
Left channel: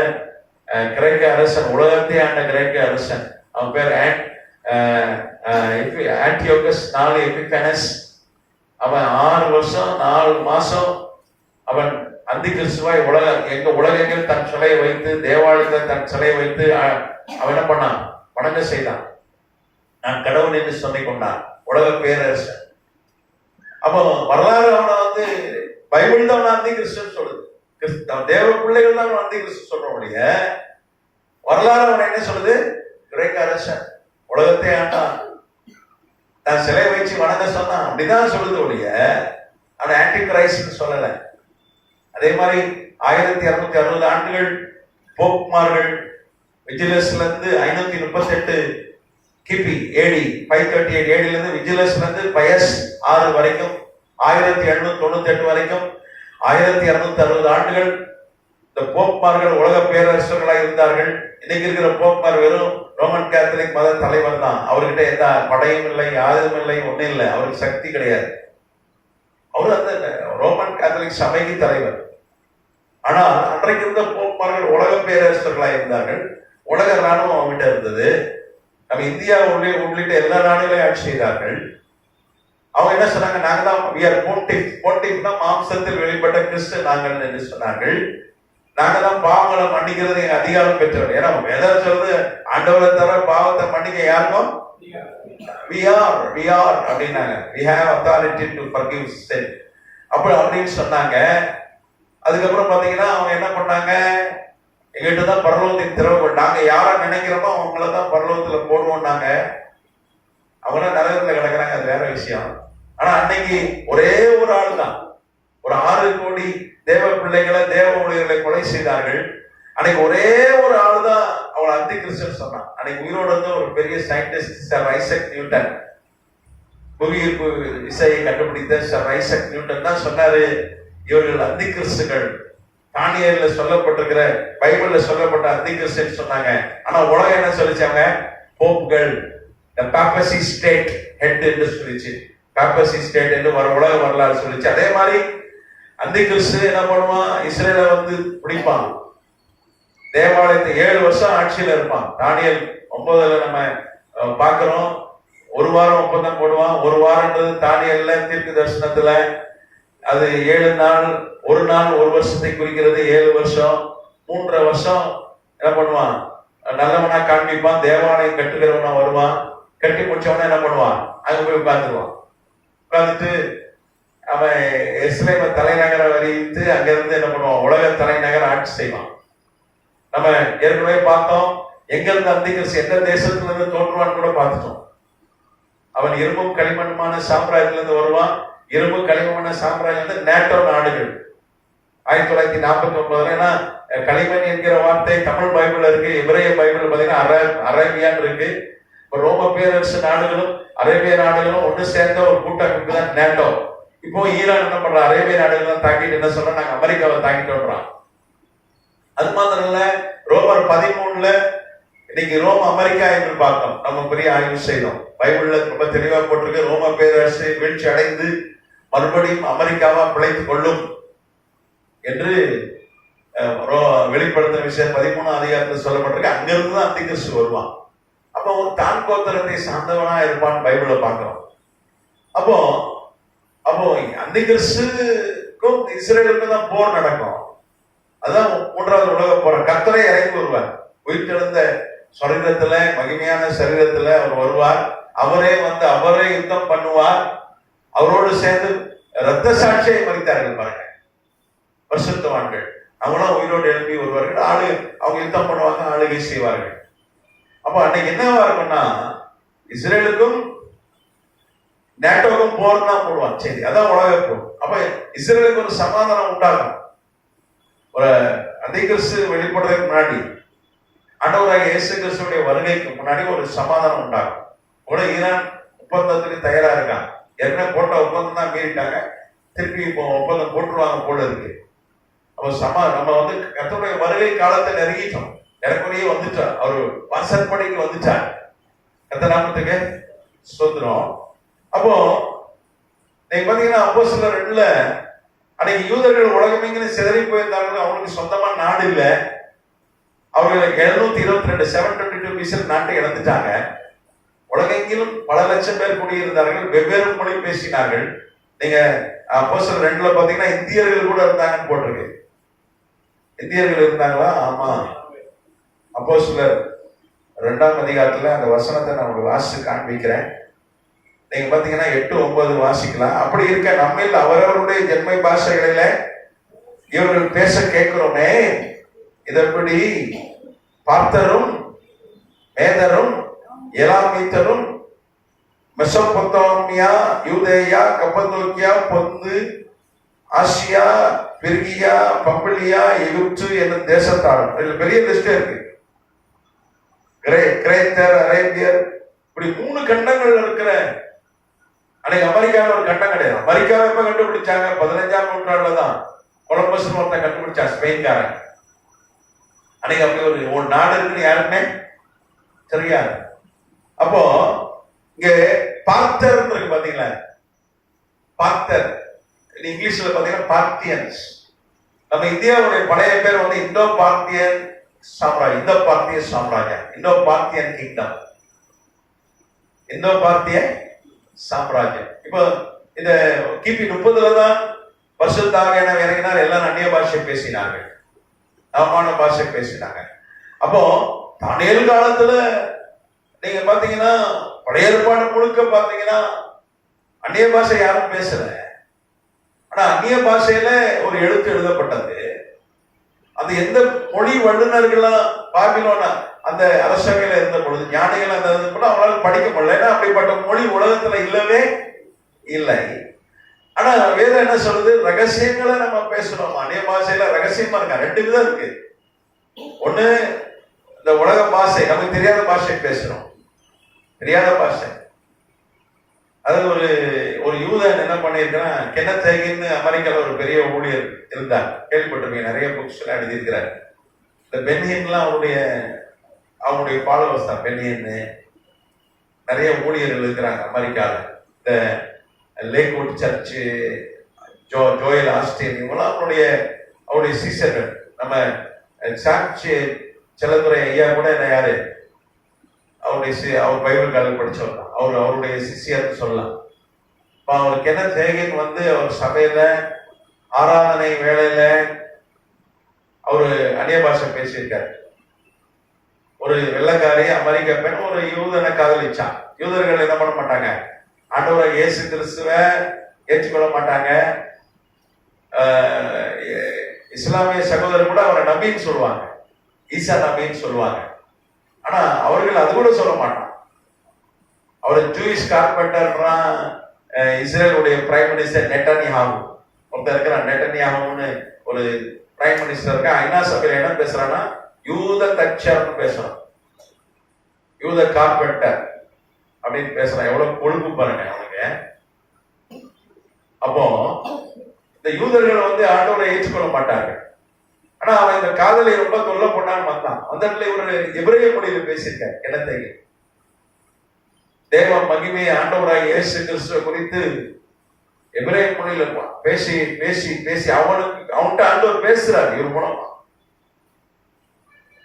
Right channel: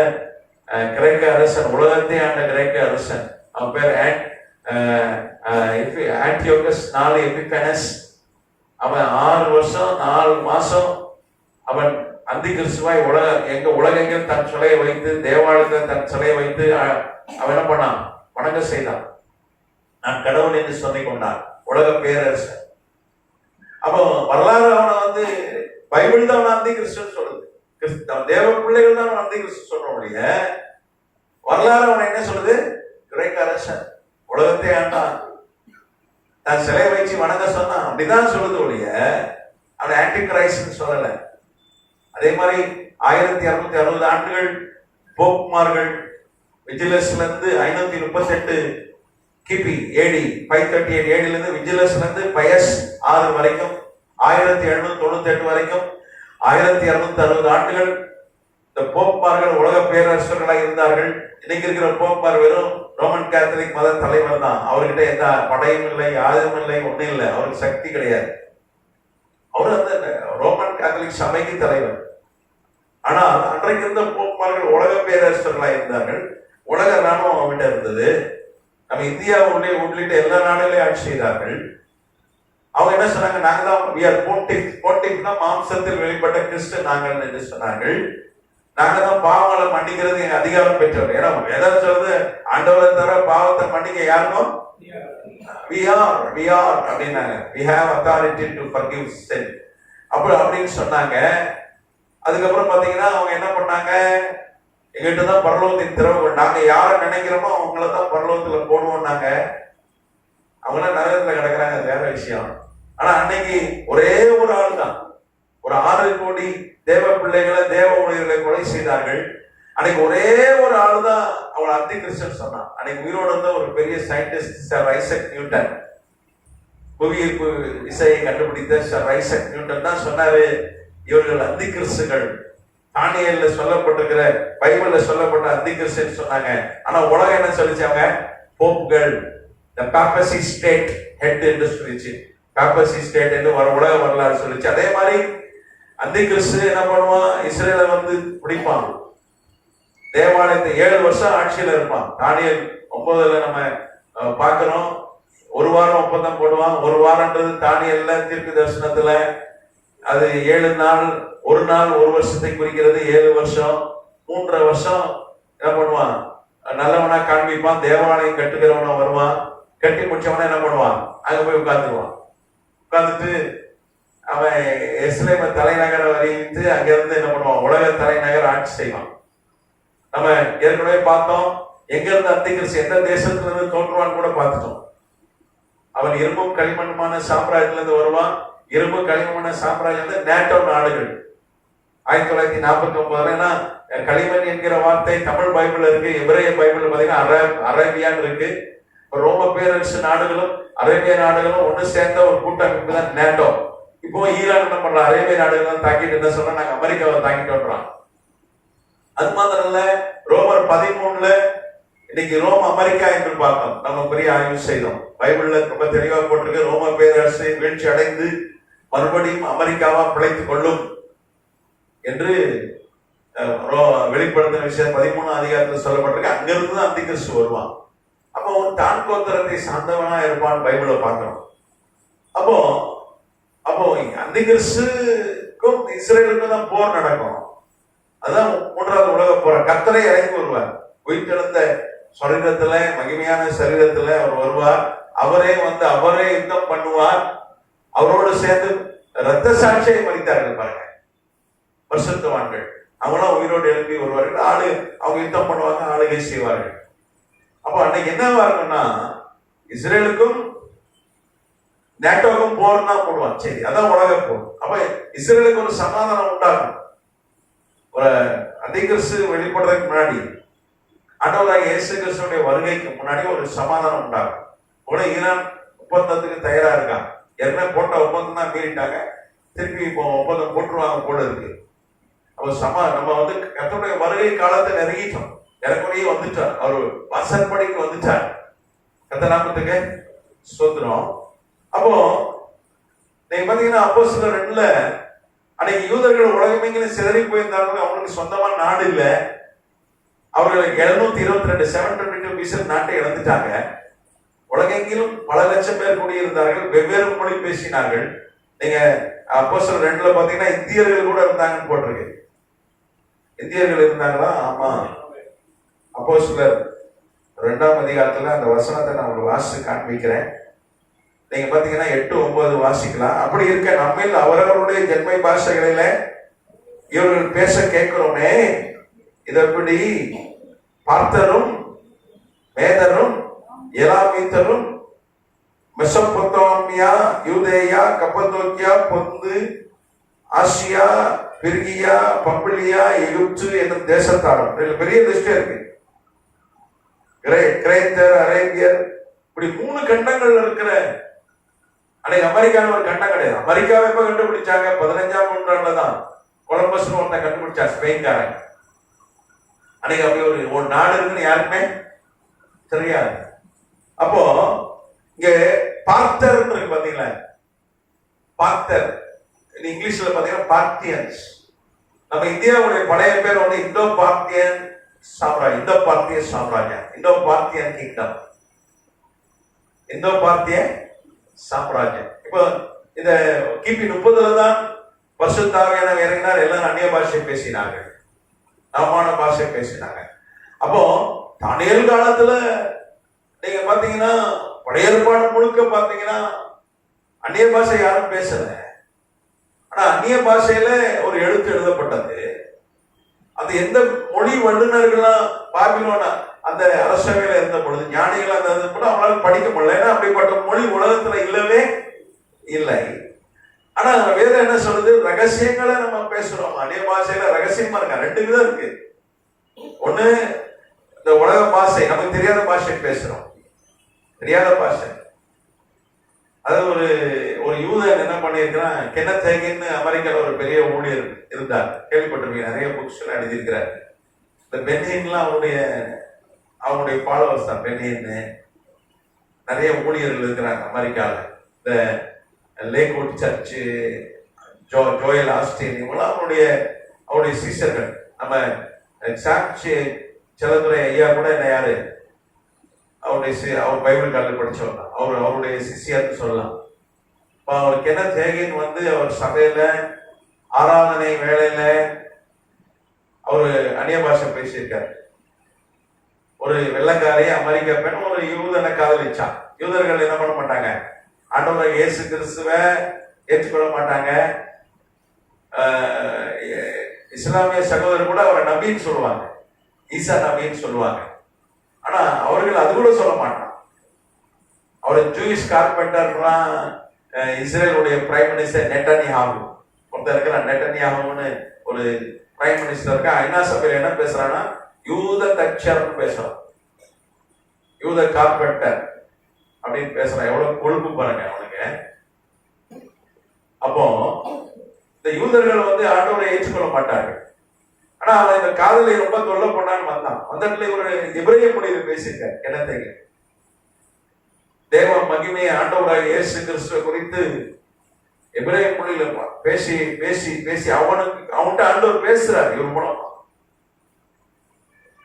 கிரேக்க அரசன், உலகத்தை ஆண்ட கிரேக்க அரசன். அவன் பேர் ஆன்டியோகஸ் 4 எபிஃபனஸ். அவன் 6 வருஷம் 4 மாசம் அவன் அந்தி கிறிஸ்துவாய் உலகெங்கில் தன் சிலையை வைத்து, தேவாலயத்தில் தன் சிலையை வைத்து அவன் என்ன பண்ணான்? வணங்க செய்தான். நான் கடவுள் என்று சொல்லிக் கொண்டான், உலக பேரரசன். அப்போ வரலாறு அவனை பைபிள் தான் அவன் அந்தி கிறிஸ்துன்னு சொல்லுது. தேவ பிள்ளைகள் தான் அவன் அந்தி கிறிஸ்து சொல்றோடைய. வரலாறு அவன் என்ன சொல்லுது? கிரேக்க அரசன், உலகத்தை ஆண்டான், நான் சிலை வச்சு வணங்க சொன்னான், அப்படிதான் சொல்லுது ஒழிய அவன் ஆன்டி கிரைஸ்ட்னு சொல்லல. அதே மாதிரி 1260 ஆண்டுகள் போப்மார்கள் விஜிலஸ்ல இருந்து 538 கிபி AD 538 AD இருந்து விஜிலஸ்ல இருந்து பயஸ் 6 வரைக்கும் 1798 வரைக்கும் 1260 ஆண்டுகள் இந்த போப்மார்கள் உலக பேரரசர்களாக இருந்தார்கள். இன்னைக்கு இருக்கிற போப்மார் வெறும் ரோமன் கேத்தலிக் மத தலைவர் தான். அவர்கிட்ட எந்த படையும் இல்லை, ஆயுதமும் இல்லை, ஒன்றும் இல்லை. அவருக்கு சக்தி கிடையாது. அவர் அந்த ரோமன் கேத்தலிக் சபைக்கு தலைவர். ஆனால் அன்றைக்கு இருந்த போப்மார்கள் உலக பேரரசர்களாக இருந்தார்கள். உலக ராணுவம் அவங்ககிட்ட இருந்தது. நம்ம இந்தியா உள்ளிட்ட எல்லா நாடுகளையும் ஆட்சி செய்தார்கள். அவங்க என்ன சொன்னாங்க, நாங்க தான் போன்டிஃப்னா மாம்சத்தில் வெளிப்பட்ட கிறிஸ்து நாங்கள் என்று சொன்னார்கள். நாங்க தான் பாவங்களை மன்னிக்கிறது எங்க அதிகாரம் பெற்றவர். ஏன்னா வேதம் சொல்றது ஆண்டவரை தவிர பாவத்தை மன்னிக்க யாருக்கும் we are அப்படின்னாங்க. we have authority to forgive sin அப்படின்னு சொன்னாங்க. அதுக்கப்புறம் பாத்தீங்கன்னா அவங்க என்ன பண்ணாங்க, எங்கிட்ட தான் பரலோகத்தின் திறவு, நாங்க யாரை நினைக்கிறோமோ அவங்கள தான் பரலோகத்துல போடுவோம்னாங்க. அவங்க நரகத்துல கிடக்குறாங்க, அது வேற விஷயம். ஆனா அன்னைக்கு ஒரே ஒரு ஆள் தான், ஒரு 6 கோடி தேவ பிள்ளைகளை, தேவ ஊழியர்களை கொலை செய்தார்கள். அன்னைக்கு ஒரே ஒரு ஆள் தான் அவளை அந்தி கிறிஸ்டன் சொன்னான். அன்னைக்கு உயிரோட இருந்த ஒரு பெரிய சயின்டிஸ்ட் சர் ஐசக் நியூட்டன், புவியீர்ப்பு விசையை கண்டுபிடித்த சர் ஐசக் நியூட்டன் தான் சொன்னாரு, இவர்கள் அந்தி கிறிஸ்துகள், தானியல்ல சொல்லப்பட்டிருக்கிற பைபிள்ல சொல்லப்பட்ட அந்தி கிறிஸ்டன் சொன்னாங்க. ஆனா உலகம் என்ன சொல்லிச்சாங்க, போப்புகள், the papacy state head என்று சொல்லிச்சு. papacy state என்று உலக வரலாறு சொல்லிச்சு. அதே மாதிரி அந்தி கிறிஸ்து என்ன பண்ணுவான், இஸ்ரேலை வந்து பிடிப்பான், தேவாலயத்தை 7 வருஷம் ஆட்சியில இருப்பான். தானியல் 9ல நம்ம பார்க்கிறோம், ஒரு வாரம் ஒப்பந்தம் போடுவான். ஒரு வாரம்ன்றது தானியல்ல தீர்க்க தரிசனத்துல அது 7 நாள், ஒரு நாள் ஒரு வருஷத்தை குறிக்கிறது. 7 வருஷம், 3.5 வருஷம் என்ன பண்ணுவான், நல்லவனா காண்பிப்பான். தேவாலயம் கட்டுகிறவனா வருவான். கட்டி முடிச்சவனா என்ன பண்ணுவான், அங்க போய் உட்கார்ந்துருவான். உட்கார்ந்துட்டு அவன் எஸ்ரேம தலைநகரை வரைத்து அங்க இருந்து என்ன பண்ணுவான், உலக தலைநகர் ஆட்சி செய்வான். நம்ம ஏற்கனவே பார்த்தோம், எங்க இருந்து அந்தி கிறிஸ்து எந்த தேசத்துல இருந்து தோன்றுவான்னு கூட பார்த்துட்டோம். அவன் இரும்பும் களிமண்ணுமான சாம்ராஜ்யத்துல இருந்து வருவான். இரும்பு களிமண்ண சாம்ராஜ்யம் வந்து நேட்டோ நாடுகள். 1949. ஏன்னா களிமண் என்கிற வார்த்தை தமிழ் பைபிள் இருக்கு, எபிரேய பைபிள் பாத்தீங்கன்னா அரேபியான்னு இருக்கு. ரோம பேரரசு நாடுகளும் அரேபிய நாடுகளும் ஒன்று சேர்ந்த ஒரு கூட்டமைப்பு தான் நேட்டோ. இப்போ ஈரான் என்ன பண்ற, அரேபிய நாடுகள் தாக்கிட்டு என்ன சொல்றோம், நாங்க அமெரிக்காவை தாக்கிட்டு வர்றோம். அது மாத்திரம் இல்ல, ரோமர் 13ல இன்னைக்கு ரோம் அமெரிக்கா என்று பார்த்தோம். நம்ம பெரிய ஆய்வு செய்தோம். பைபிள்ல ரொம்ப தெளிவா போட்டிருக்கு, ரோம பேரரசு வீழ்ச்சி அடைந்து மறுபடியும் அமெரிக்காவா பிழைத்துக் கொள்ளும் என்று வெளிப்படுத்தும் விஷயம் 13ஆம் அதிகாரத்தில் சொல்லப்பட்டிருக்கு. அங்கிருந்து தான் அந்தி கிறிஸ்து வருவான். அப்போ தான் கோத்திரத்தை சார்ந்தவனா இருப்பான் பைபிள பார்க்கிறோம். அப்போ அப்போ அந்தி கிறிஸ்துக்கும் இஸ்ரேலுக்கும் தான் போர் நடக்கும். அதுதான் 3வது உலக போர். கர்த்தரை இறங்கி வருவார், உயிர்த்தெழுந்த சரீரத்துல, மகிமையான சரீரத்துல அவர் வருவார். அவரே வந்து அவரே யுத்தம் பண்ணுவார். அவரோடு சேர்ந்து இரத்த சாட்சியை மறித்தார்கள் பாருங்க, பரிசுத்தவான்கள். அவங்களும் உயிரோடு எழுப்பி வருவார்கள். அவங்க யுத்தம் பண்ணுவாங்க, ஆளுகை செய்வார்கள். அப்ப அன்னைக்கு என்னவா இருக்கும்னா, இஸ்ரேலுக்கும் நேட்டோக்கும் போர் தான் போடுவான். சரி, அதான் உலக போர். அப்ப இஸ்ரேலுக்கு ஒரு சமாதானம் உண்டாகும். ஒரு அந்தி கிறிஸ்து வெளிப்படுறதுக்கு முன்னாடி, ஆண்டவராகிய இயேசு கிறிஸ்துவுடைய வருகைக்கு முன்னாடி ஒரு சமாதானம் உண்டாகும். கூட ஈரான் ஒப்பந்தத்துக்கு தயாரா இருக்காங்க. என்ன போட்ட ஒப்பந்தம் தான் மீறிட்டாங்க, திருப்பி இப்போ ஒப்பந்தம் போட்டுருவாங்க போல இருக்கு. அப்ப நம்ம வந்து கர்த்தருடைய வருகை காலத்தை நெருங்கிட்டோம். எனக்குள்ளேயே வந்துட்டார், அவர் வாசற்படிக்கு வந்துட்டார். கர்த்தர் நாமத்துக்கு ஸ்தோத்திரம். அப்போ நீங்க பாத்தீங்கன்னா அப்போஸ்தலர் 2ல அன்னைக்கு யூதர்கள் உலகமெங்கிலும் சிதறி போயிருந்தாங்க. அவங்களுக்கு சொந்தமா நாடு இல்லை. அவர்கள் 722 722 BC நாட்டை இழந்துட்டாங்க. உலகெங்கிலும் பல லட்சம் பேர் குடியிருந்தார்கள், வெவ்வேறு மொழி பேசினார்கள். நீங்க அப்போஸ்தலர் 2ல பாத்தீங்கன்னா இந்தியர்கள் கூட இருந்தாங்கன்னு போட்டிருக்கு. இந்தியர்கள் இருந்தாங்களா? ஆமா. அப்போஸ்தலர் 2ஆம் அதிகாரத்துல அந்த வசனத்தை நான் உங்களுக்கு வாசிச்சு காண்பிக்கிறேன். நீங்க பாத்தீங்கன்னா 8, 9 வாசிக்கலாம். அப்படி இருக்க நம்மில் அவரவருடைய ஜென்மை பாஷைகளில இவர்கள் பேச கேட்கிறோமே, இதப்படி பார்த்தரும் மேதரும் எலாமீத்தரும் மெசொப்பொத்தாமியா, யூதேயா, கப்பதோக்கியா, பொந்து, ஆசியா, பிர்கியா, பம்பிலியா, எகிப்து என்னும் தேசத்தாரும். பெரிய லிஸ்ட் இருக்கு. கிரேத்தர், அரேபியர், இப்படி 3 கண்டங்கள் இருக்கிற. அன்னைக்கு அமெரிக்காவில் ஒரு கண்டம் கிடையாது. அமெரிக்காவை எப்ப கண்டுபிடிச்சாங்க? 15ஆம் நூற்றாண்டுல தான் கொலம்பஸ் ஒருத்தன் கண்டுபிடிச்சா, ஸ்பெயின்காரன். அன்னைக்கு அப்படி ஒரு நாடு இருக்குன்னு யாருக்குமே தெரியாது. அப்போ இங்க பார்த்தர் இருக்கு பாத்தீங்களா, பார்த்தர் இங்கிலீஷ்ல பாத்தீங்கன்னா பார்த்தியன்ஸ். நம்ம இந்தியாவுடைய பழைய பேர் வந்து இந்தோ பார்த்தியன் சாம்ராஜ்யம், இந்தோ பார்த்திய சாம்ராஜ்யம், இந்தோ பார்த்தியன் கிங்டம், இந்தோ பார்த்திய சாம்ராஜ்யம். இப்போ இந்த கிபி 30 தான் பரிசுத்த ஆவியானவர் இறங்கினார். எல்லாம் அந்நிய பாஷை பேசினார்கள், நவமான பாஷை பேசினாங்க. அப்போ தானியேல் காலத்துல நீங்க பாத்தீங்கன்னா பழைய ஏற்பாடு முழுக்க பாத்தீங்கன்னா அந்நிய பாஷை யாரும் பேசல. ஆனா அந்நிய பாஷையில ஒரு எழுத்து எழுதப்பட்டது. அது எந்த மொழி வல்லுநர்கள்லாம் பாபிலோன அந்த அரசவையில இருந்த பொழுது ஞானிகள் அந்த கூட அவங்களால படிக்க முடியல. ஏன்னா அப்படிப்பட்ட மொழி உலகத்துல இல்லவே இல்லை. ஆனா வேதம் என்ன சொல்றது, ரகசியங்களை நம்ம பேசுறோம். அந்நிய பாஷையில ரகசியமா இருக்கா, 2 விதம் இருக்கு. ஒண்ணு இந்த உலக பாஷை, நமக்கு தெரியாத பாஷை பேசுறோம், தெரியாத பாஷை. அது ஒரு யூதன் என்ன பண்ணிருக்கான், கென்னத் ஹேகின்னு அமெரிக்கால ஒரு பெரிய ஊழியர் இருந்தார், கேள்விப்பட்டிருக்கீங்க, நிறைய புக்ஸ் எல்லாம் எழுதியிருக்கிறார். இந்த பென்ஹின்லாம் அவங்களுடைய ஃபாலோவர்ஸ் தான். பென்ஹின் நிறைய ஊழியர்கள் இருக்கிறாங்க அமெரிக்கால. இந்த லேக்வுட் சர்ச், ஜோயல் ஆஸ்டின், இவங்களாம் அவருடைய சீசர்கள். நம்ம சாட்சி செல்லதுரை ஐயா கூட என்ன யாரு, அவர் பைபிள் காலேஜ் படிச்சவர் தான், அவருடைய சிஷியர்னு சொல்லலாம். அவர் கென்னத் ஹேகின் அவர் சபையில ஆராதனை வேளையில அவரு அந்நிய பாஷை பேசியிருக்காரு. ஒரு வெள்ளக்காரி அமெரிக்க பெண் ஒரு யூதனை காதலிச்சான். யூதர்கள் என்ன பண்ண மாட்டாங்க, ஆண்டவரை இயேசு கிறிஸ்துவை ஏற்றுக்கொள்ள மாட்டாங்க. இஸ்லாமிய சகோதரர் கூட அவரை நபின்னு சொல்லுவாங்க, ஈசா நபின்னு சொல்லுவாங்க. ஆனா அவர்கள் அது கூட சொல்ல மாட்டான். அவர் ஜூயிஷ் கார்பெண்டர்லாம் இஸ்ரேலுடைய பிரைம் மினிஸ்டர் நெட்டன்யாஹூ ஒருத்தர் இருக்கிறான். நெட்டன்யாஹூன்னு ஒரு பிரைம் மினிஸ்டர் இருக்கா. ஐநா சபையில் என்ன பேசுறான்னா யூத தச்சர்னு பேசுறான், யூத கார்பெண்டர் அப்படின்னு பேசுறான். எவ்வளவு கொழுப்பு பாருங்க அவனுக்கு. அப்போ இந்த யூதர்கள் ஆண்டவரை ஏற்றுக்கொள்ள மாட்டார்கள். ஆனா அவன் இந்த காதலை ரொம்ப தொல்லை பண்ணான்னு வந்தான். அந்த இடத்துல இவரு எபிரேய மொழியில் பேசியிருக்கார். கிணத்தை தேவ மகிமை ஆண்டவராக இயேசு கிறிஸ்துவ குறித்து எபிரேய மொழியில பேசி பேசி பேசி அவன்கிட்ட ஆண்டவர் பேசுறாரு இவர் மூலமா.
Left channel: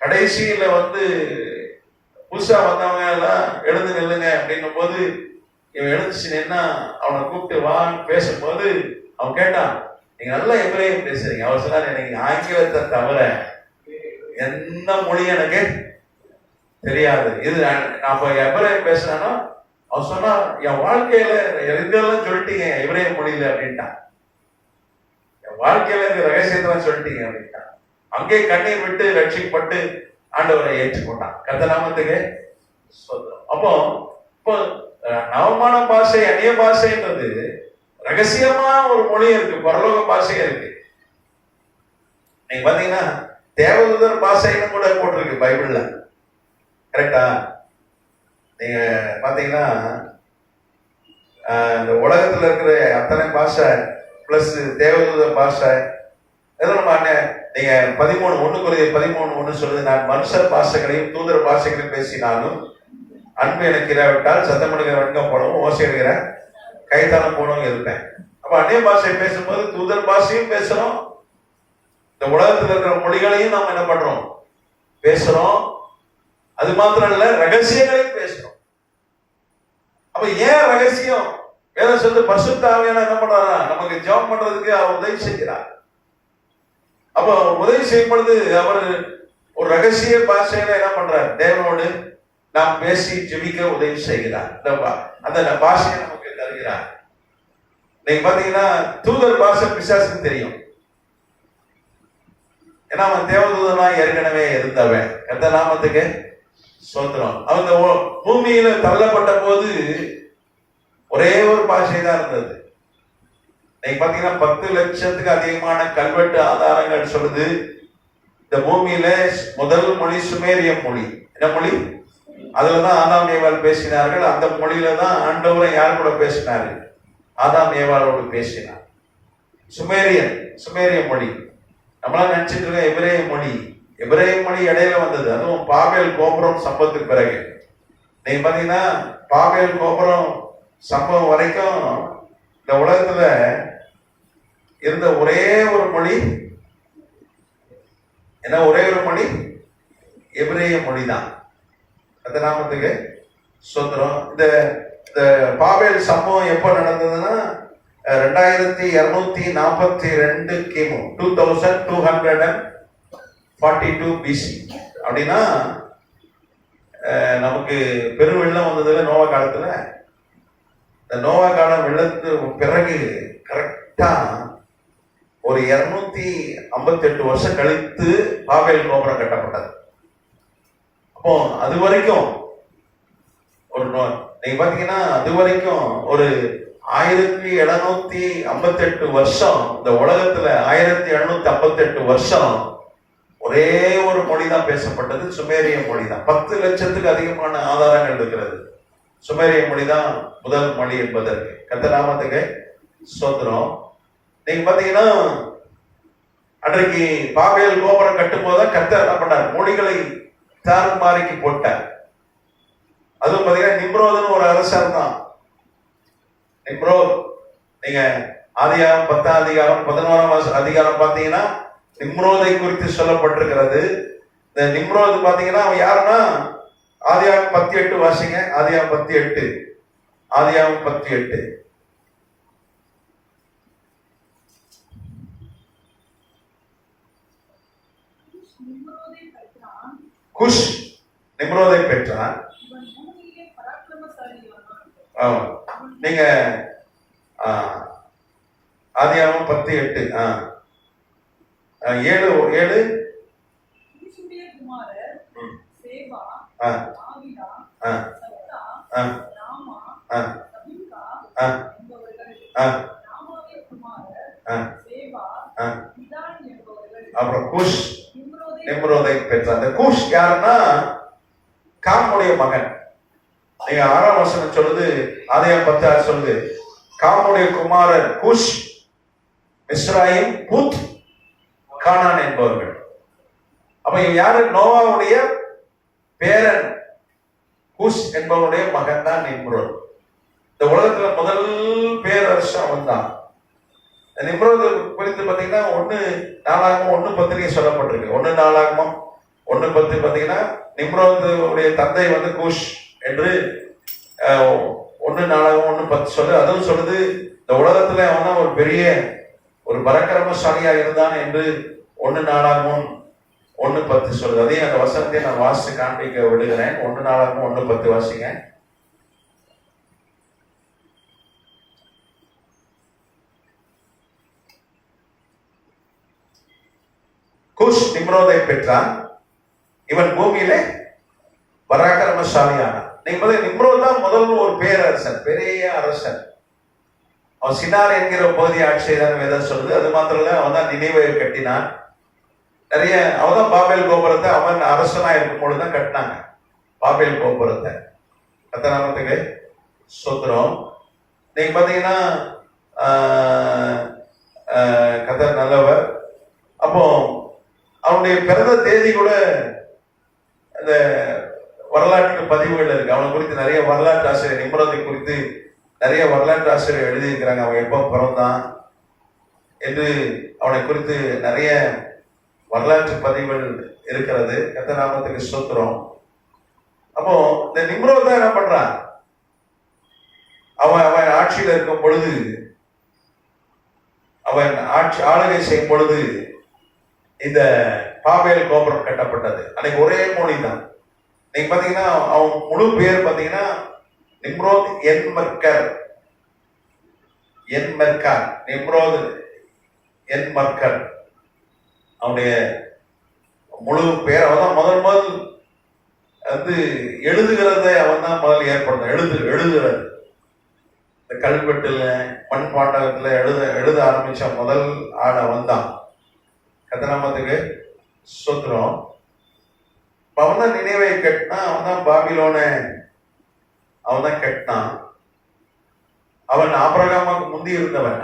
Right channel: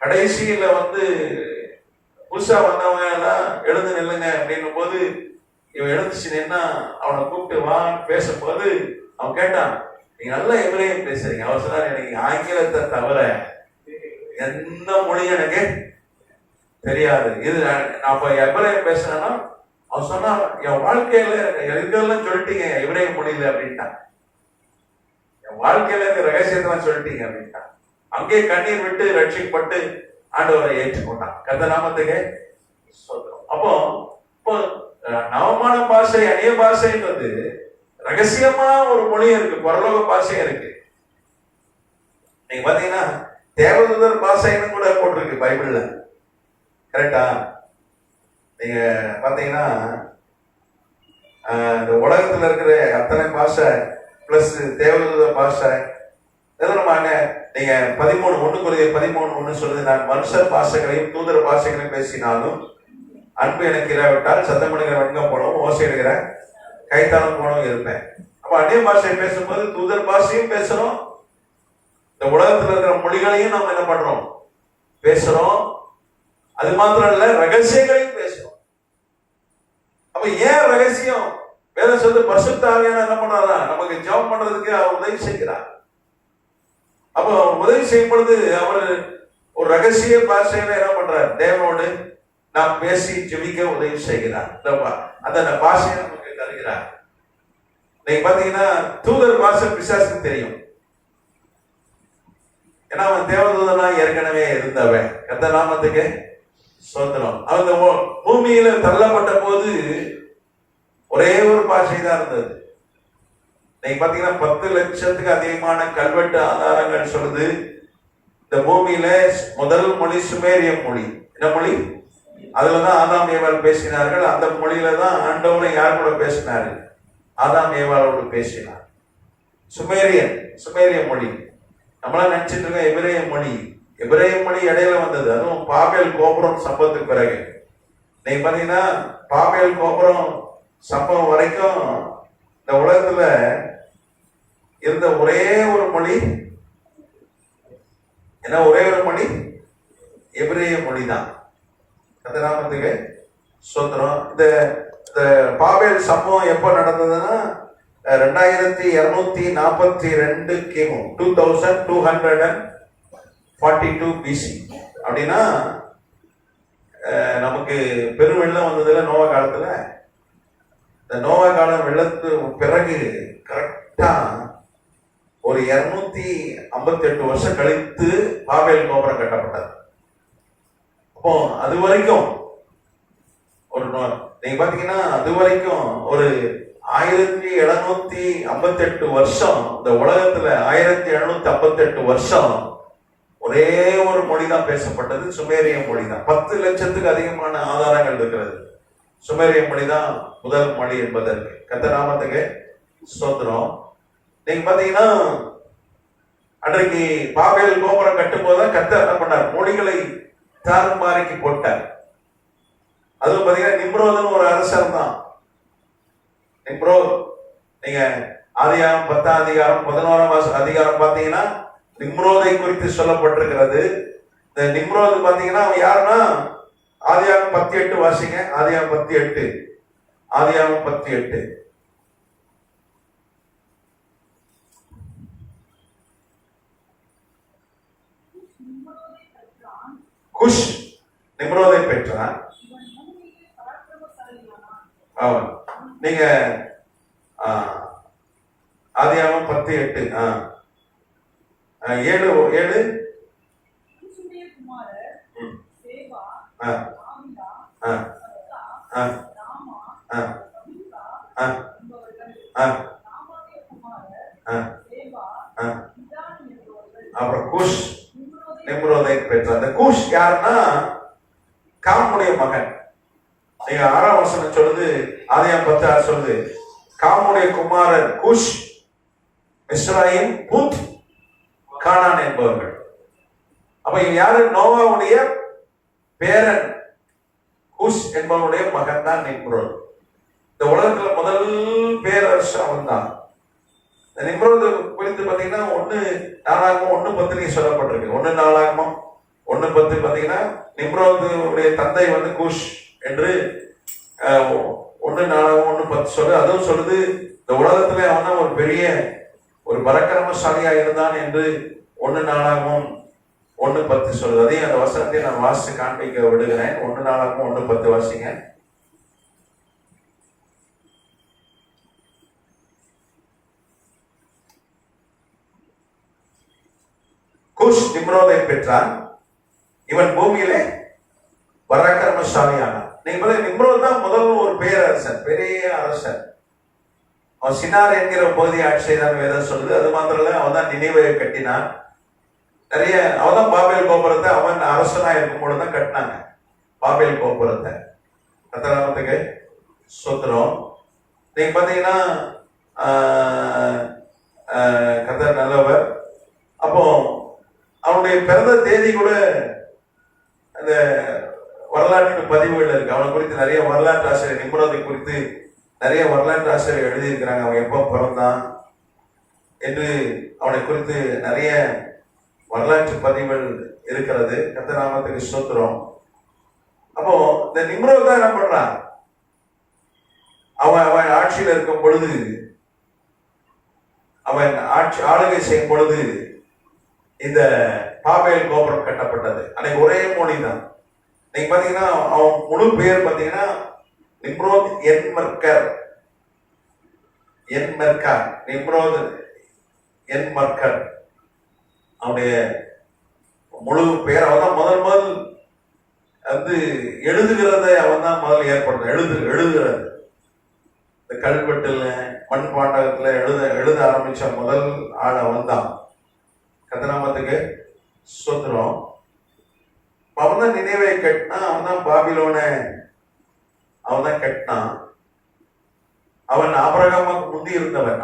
கடைசியில புதுசா வந்தவங்க எல்லாம் எழுந்து நில்லுங்க அப்படின்னும் போது இவன் எழுந்துச்சு நின்னா அவனை கூப்பிட்டு வா பேசும்போது அவன் கேட்டான், நீங்க நல்லா எபிரேயம் பேசுறீங்க. அவர் சொன்னார், எனக்கு ஆங்கிலத்தை தவிர எந்த மொழியும் எனக்கு தெரியாது. இது நான் எபிரேயம் பேசுறேன்னா அவன் சொன்னா என் வாழ்க்கையில எங்கெல்லாம் சொல்லிட்டீங்க எபிரேய மொழியில அப்படின்ட்டான். என் வாழ்க்கையில இந்த ரகசியத்தெல்லாம் சொல்லிட்டீங்க அப்படின்ட்டான். அங்கே கண்ணீர் விட்டு ரட்சிக்கப்பட்டு ஆண்டவரை ஏற்றுக்கொண்டான். கர்த்தர் நாமத்துக்கு ஸ்தோத்திரம். அப்போ இப்போ நவமான பாஷை அந்நிய பாஷைன்றது ரகசியமா ஒரு மொழி இருக்கு, பரலோக பாஷையா இருக்கு. நீங்க பாத்தீங்கன்னா தேவதூதர் பாஷைன்னு கூட போட்டிருக்கு பைபிள்ல, கரெக்டா? நீங்க பாத்தீங்கன்னா இந்த உலகத்துல இருக்கிற அத்தனை பாஷை பிளஸ் தேவதூதர் பாஷை நீங்க 13:1 சொல்லுது, நான் மனுஷர் பாஷைகளையும் தூதர் பாஷைகளையும் பேசினாலும் அன்பு எனக்கு இராவிட்டால் சத்தமிடுகிற வெட்கம் போனவும் ஓசையிடுகிற கைத்தாளம் போனவும் இருப்பேன். அப்ப அந்நிய பாஷை பேசும்போது தூதர் பாஷையும் பேசுறோம், இந்த உலகத்தில் இருக்கிற மொழிகளையும் நம்ம என்ன பண்றோம், பேசுறோம். அது மாத்திரம் இல்ல, ரகசியங்களையும் பேசுறோம். அப்ப ஏன் ரகசியம்? வேற சொல்லு, பரிசுத்த ஆவியானவர் என்ன பண்றாரா, நமக்கு ஜெபம் பண்றதுக்கு அவர் உதவி செய்கிறார். அப்போ உதவி செய்யும் பொழுது அவர் ஒரு ரகசிய பாஷையில என்ன பண்றார், தேவனோடு நாம் பேசி ஜெபிக்க உதவி செய்கிறார். அந்த பாஷையை நமக்கு தருகிறார். நீங்க பாத்தீங்கன்னா தூதர் பாஷை பிசாசுக்கு தெரியும், ஏன்னா அவன் தேவதூதனா ஏற்கனவே இருந்தவன். கர்த்தர் நாமத்துக்கு ஸ்தோத்திரம். அவங்க பூமியில தள்ளப்பட்ட போது ஒரே ஒரு பாஷை தான் இருந்தது. நீங்க பாத்தீங்கன்னா 10 லட்சத்துக்கு அதிகமான கல்வெட்டு ஆதாரங்கள் சொல்லுது, இந்த பூமியில முதல் மொழி சுமேரிய மொழி. என்ன மொழி? அதுலதான் ஆதாம் ஏவாள் பேசினார்கள். அந்த மொழியில தான் ஆண்டவரை யார் கூட பேசினாரு, ஆதாம் ஏவாளோடு பேசினார். சுமேரிய மொழி. நம்மளாம் நினைச்சிட்டு இருக்க எபிரேய மொழி. எபிரேய மொழி இடையில வந்தது, அதுவும் பாபேல் கோபுரம் சம்பவத்துக்கு பிறகு. நீங்க பாத்தீங்கன்னா பாபேல் கோபுரம் சம்பவம் வரைக்கும் இந்த உலகத்துல இருந்த ஒரே ஒரு மொழி என்ன? ஒரே ஒரு மொழி எபிரேய மொழி தான். அந்த நாமத்துக்கு சுதந்திரம். இந்த பாபேல் சம்பவம் எப்போ நடந்ததுன்னா 2242 கிமு 2242 பிசி. அப்படின்னா நமக்கு பெருவெள்ளம் வந்ததுல நோவா காலத்துல, இந்த நோவா காலம் வெள்ளத்துக்கு பிறகு கரெக்டா ஒரு 258 வருஷம் கழித்து பாபேல் கோபுரம் கட்டப்பட்டது. அப்போ அது வரைக்கும் ஒரு நீங்க பாத்தீங்கன்னா அது வரைக்கும் ஒரு 1758 வருஷம் இந்த உலகத்துல 1758 வருஷம் ஒரே ஒரு மொழிதான் பேசப்பட்டது, சுமேரிய மொழி தான். 10 லட்சத்துக்கு அதிகமான ஆதாரங்கள் இருக்கிறது. சுமேரிய மொழி தான் முதல் மொழி என்பதற்கு. கர்த்தர் நாமத்துக்கு ஸ்தோத்திரம். நீங்க பாத்தீங்கன்னா அன்றைக்கு பாபேல் கோபுரம் கட்டும் போதுதான் கர்த்தர் என்ன பண்ணார்? மொழிகளை தாறுமாறிக்கு போட்டார். அதுவும் பாத்தீங்கன்னா நிம்ரோதுன்னு ஒரு அரசர் தான். நிம்ரோத், நீங்க ஆதியாகமம் 10ஆம் அதிகாரம் 11ஆம் அதிகாரம் பாத்தீங்கன்னா நிம்ரோதை குறித்து சொல்லப்பட்டிருக்கிறது. இந்த நிம்ரோத் பாத்தீங்கன்னா அவன் யாருன்னா, ஆதியாகமம் 10:8 வாசிங்க. ஆதியாகமம் 10:8. ஆதியாகமம் 10:8. குஷ் நிம்ரோதை பெற்றான். நீங்க ஆதியாகமம் 10:8 7 அப்புறம் குஷ் நிம்ரோதை பெற்றார். அந்த குஷ் யாருன்னா காமுடைய மகன். நீங்க 6ஆம் வசனம் சொல்லுது, ஆதியாகமம் 10:6 சொல்லுது, காமுடைய குமாரர் குஷ், மிஸ்ராயிம், பூத், கானான் என்பவர்கள். அப்ப யாரு? நோவாவுடைய பேரன் குஷ் என்பவருடைய மகன் தான் நிம்ரோத். இந்த உலகத்துல முதல் பேரரசு அவன் தான். நிம்ரோத் குறித்து பாத்தீங்கன்னா 1 நாளாகமம் 1:10 சொல்லப்பட்டிருக்கு. 1 நாளாகமம் 1:10 பாத்தீங்கன்னா நிம்ரோதுடைய தந்தை வந்து குஷ் என்று 1 நாளாகமம் 1:10 சொல்லு. அதுவும் சொல்லுது இந்த உலகத்துல அவன் தான் ஒரு பெரிய ஒரு பராக்கிரமசாலியா இருந்தான் என்று 1 நாளாகமம் 1:10 சொல்லுது. அதையும் அந்த வசனத்தை நான் வாசித்து காண்பிக்க விடுகிறேன். 1 நாளாகமம் 1:10 வாசிங்க. குஷ் நிம்ரோதை பெற்றான். இவன் பூமியிலே பராக்கிரமசாலியான. நீங்க நிம்ரோத் தான் முதல் ஒரு பேரரசன், பெரிய அரசன். அவன் சினார் என்கிற பகுதி ஆட்சி செய்தான் வேதம் சொல்லுது. அது மாத்திரம் இல்ல, அவன் தான் நினைவையை கட்டினான். நிறைய அவன் தான் பாபேல் கோபுரத்தை அவன் அரசனா இருக்கும் பொழுதுதான் கட்டினாங்க பாபேல் கோபுரத்தை. கர்த்தருக்கு ஸ்தோத்திரம். நீங்க பாத்தீங்கன்னா கர்த்தர் நல்லவர். அப்போ அவனுடைய பிறந்த தேதி கூட அந்த வரலாற்று பதிவுகள் இருக்கு. அவனை குறித்து நிறைய வரலாற்று ஆசிரியர், நிம்ரோதை குறித்து நிறைய வரலாற்று ஆசிரியர் எழுதியிருக்கிறாங்க. அவன் எப்போ பிறந்தான் என்று அவனை குறித்து நிறைய வரலாற்று பதிவுகள் இருக்கிறது. கர்த்தர் நாமத்துக்கு ஸ்தோத்திரம். அப்போ இந்த நிம்ரோத் தான் என்ன பண்றான்? அவன் ஆட்சியில் இருக்கும் பொழுது, அவன் ஆளுகை செய்யும் பொழுது இந்த பாபேல் கோபுரம் கட்டப்பட்டது. அன்னைக்கு ஒரே மொழி தான். நீங்க பாத்தீங்கன்னா அவன் முழு பேர் பாத்தீங்கன்னா நிம்ரோத் என்மர்கர். நிம்ரோத் என்மர்கர் அவனுடைய முழு பேர். அவன் தான் முதல் வந்து எழுதுகிறத அவன் தான் முதல் ஏற்படுத்த எழுதுகிறது. இந்த கல்வெட்டுல மண் பாண்டகத்துல எழுத ஆரம்பிச்ச முதல் ஆள் அவன் தான். கர்த்தருக்கு ஸ்தோத்திரம். அவன் தான் நினைவை கட்டினான். அவன் தான் பாபிலோனை அவன் தான் கட்டினான். அவன் ஆபிரகாமுக்கு முந்தி இருந்தவன்.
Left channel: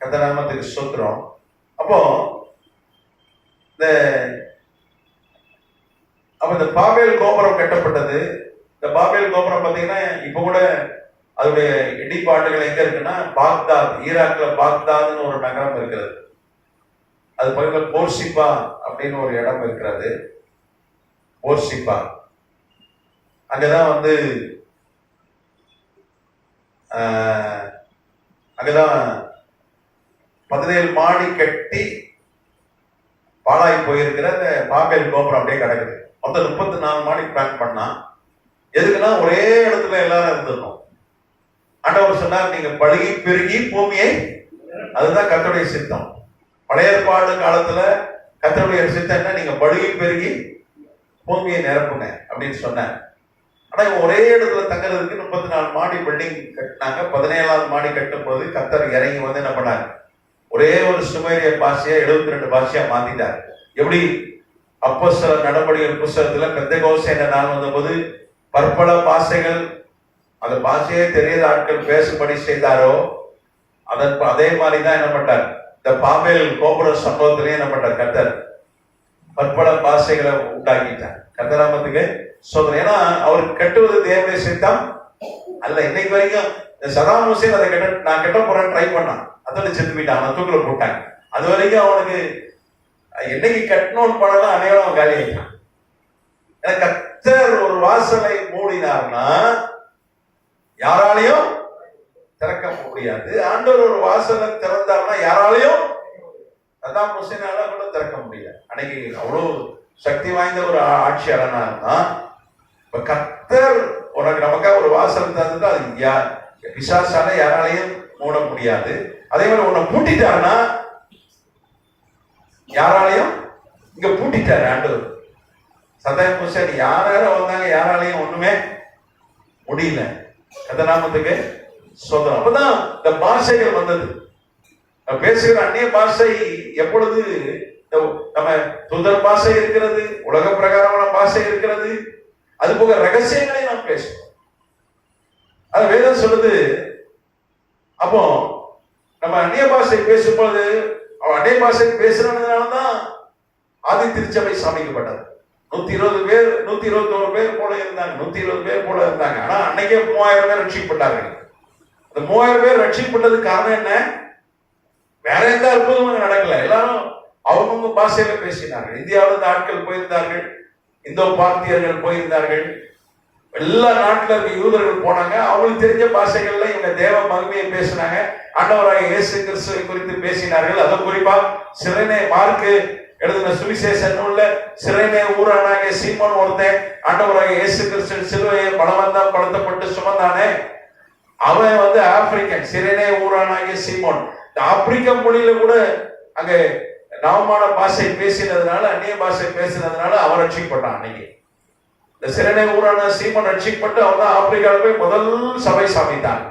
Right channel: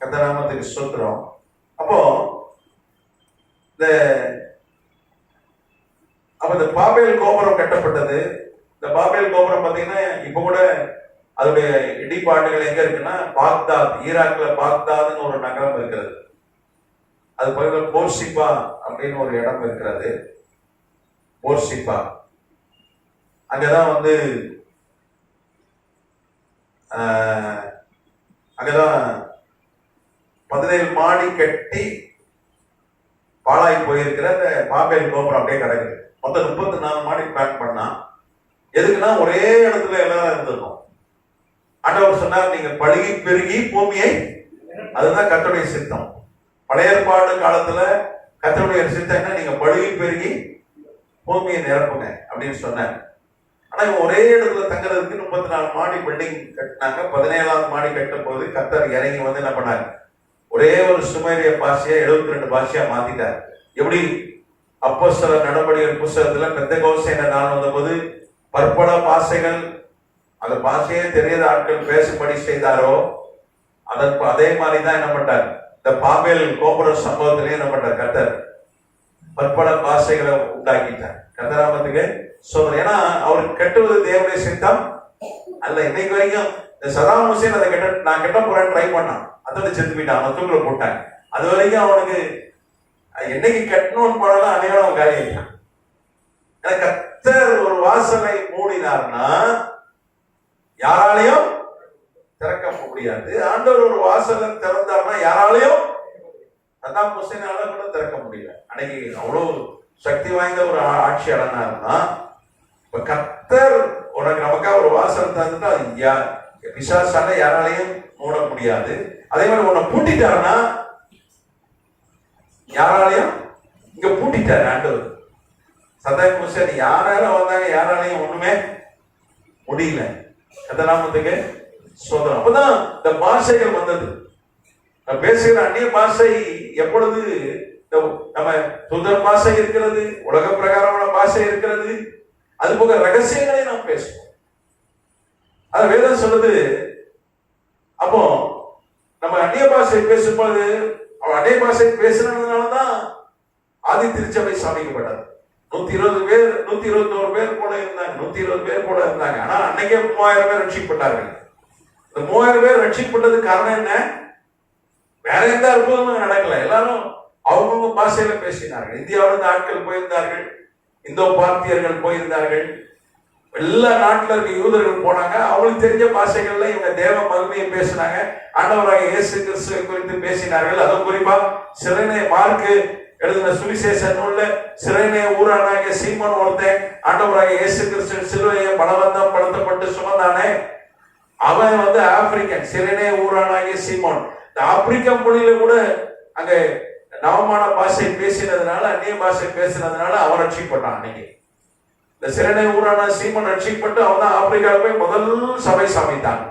கர்த்தருக்கு ஸ்தோத்திரம். அப்போ இந்த இந்த பாபேல் கோபுரம் கட்டப்பட்டது. இந்த பாபேல் கோபுரம் பார்த்தீங்கன்னா இப்ப கூட அதோடைய இடிபாடுகள் எங்க இருக்குன்னா பாக்தாத், ஈராக்ல பாக்தாத்னு ஒரு நகரம் இருக்கிறது. அது பக்கத்தில் போர்சிப்பா அப்படின்னு ஒரு இடம் இருக்கிறது. போர்சிப்பா அங்கதான் அங்கதான் 17 மாடி கட்டி பாழாய் போயிருக்கிற அந்த பாபேல் கோபுரம் அப்படியே கிடக்குது. மொத்தம் 34 மாடி பிளான் பண்ணா. எதுக்குன்னா ஒரே இடத்துல எல்லாரும் இருந்திருக்கும். ஆண்டவர் சொன்னார், நீங்க பழுகி பெருகி பூமியை, அதுதான் கர்த்தருடைய சித்தம். பழைய ஏற்பாடு காலத்துல கர்த்தருடைய சித்தம் என்ன? நீங்க பழுகி பெருகி பூமியை நிரப்புங்க அப்படின்னு சொன்னார். ஆனா இவங்க ஒரே இடத்துல தங்குறதுக்கு 34 மாடி பில்டிங் கட்டினாங்க. 17ஆவது மாடி கட்டும் போது கர்த்தர் இறங்கி என்ன பண்ணார்? ஒரே ஒரு சுமேரிய பாஷையா 72 பாஷையா மாத்திட்டார். எப்படி? அப்போஸ்தலர் நடவடிக்கைகள் புஸ்தகத்துல பெந்தெகோஸ்தே என்ற நாள் வந்தபோது பற்பல பாஷைகள், அந்த பாஷையே தெரியாத ஆட்கள் பேசும்படி செய்தாரோ அதே மாதிரிதான் என்ன பண்ணார்? இந்த பாபேல் கோபுர சம்பவத்திலே என்ன பண்ணார்? கர்த்தர் பற்பல பாஷைகளை உண்டாக்கிட்டார். கர்த்தராமத்துக்கு சொல்றேன். ஏன்னா அவருக்கு கட்டுவது தேவனுடைய சித்தம் அல்ல. இன்னைக்கு வரைக்கும் இந்த சதாம் ஹுசேன் அதை நான் கட்ட போறேன் ட்ரை பண்ணான், அதோட செத்து போயிட்டான், அவன் தூக்கில போட்டாங்க. அது வரைக்கும் அவனுக்கு என்னைக்கு கட்டணும்னு படம் அதையோட அவன் காலி ஆயிட்டான். ஏன்னா கர்த்தர் ஒரு வாசலை மூடினார்னா யாராலையும் திறக்க முடியாது. ஆண்டவர் ஒரு வாசலை திறந்தார்னா யாராலையும் சதாம் ஹுசேனால கூட திறக்க முடியாது. அன்னைக்கு அவ்வளவு சக்தி வாய்ந்த ஒரு ஆட்சியாளனா இருந்தா. இப்ப கர்த்தர் உனக்கு நமக்காக ஒரு வாசல் தந்தா அது பிசாசால யாராலையும் மூட முடியாது. அதே மாதிரி உன்னை பூட்டிட்டாருன்னா யாராலையும் இங்க பூட்டிட்டாரு ஆண்டவர். சதாம் ஹுசேன் யாரும் வந்தாங்க, யாராலையும் ஒண்ணுமே முடியல. கர்த்தநாமத்துக்கு சோதரம். அப்பதான் இந்த பாஷைகள் வந்தது. பேசுகிற அந்நிய பாஷை எப்பொழுது நம்ம சுதந்திர பாஷை இருக்கிறது, உலக பிரகாரமான பாஷை இருக்கிறது, அது போக ரகசியங்களை நாம் பேசுவோம். அது வேதம் சொல்லுது. அப்போ நம்ம அந்நிய பாஷை பேசும்போது அவன் அந்நிய பாஷை பேசுறதுனாலதான் ஆதி திருச்சபை சமைக்கப்பட்டது. 121 பேர் போல இருந்தாங்க. 120 பேர் போல இருந்தாங்க. ஆனா அன்னைக்கே 3000 பேர் ரட்சிக்கப்பட்டார்கள். இந்த 3000 பேர் ரட்சிக்கப்பட்டதுக்கு காரணம் என்ன? வேற எந்த அற்புதமும் நடக்கல. எல்லாரும் அவங்க பாஷையில பேசினார்கள். இந்தியாவிலிருந்து ஆட்கள் போயிருந்தார்கள், இந்தோ பார்த்தியர்கள் போயிருந்தார்கள், எல்லா நாட்டுல இருக்க யூதர்கள் போனாங்க. அவங்களுக்கு தெரிஞ்ச பாஷைகள்ல இவங்க தேவ மகிமையை பேசினாங்க. ஆண்டவராக இயேசு கிறிஸ்துவை குறித்து பேசினார்கள். அதுவும் குறிப்பா சிறைனே மார்க்கு எழுதின சுவிசேஷ நூல்ல சிறைனே ஊரானாகிய சீமோன் ஒருத்தன் ஆண்டவராக இயேசு கிறிஸ்து சிலுவையை பலவந்தம் படுத்தப்பட்டு சுமந்தானே, அவன் ஆப்பிரிக்கன். சிறைனே ஊரானாகிய சீமோன் இந்த ஆப்பிரிக்க மொழியில கூட அங்க நவமான பாஷை பேசினதுனால, அந்நிய பாஷை பேசினதுனால அவன் ரட்சிக்கப்பட்டான். அன்னைக்கு இந்த சிறைனே ஊரான சீமோன் ரட்சிக்கப்பட்டு அவன் தான் ஆப்பிரிக்காவில் போய் முதல் சபை சமைத்தான்.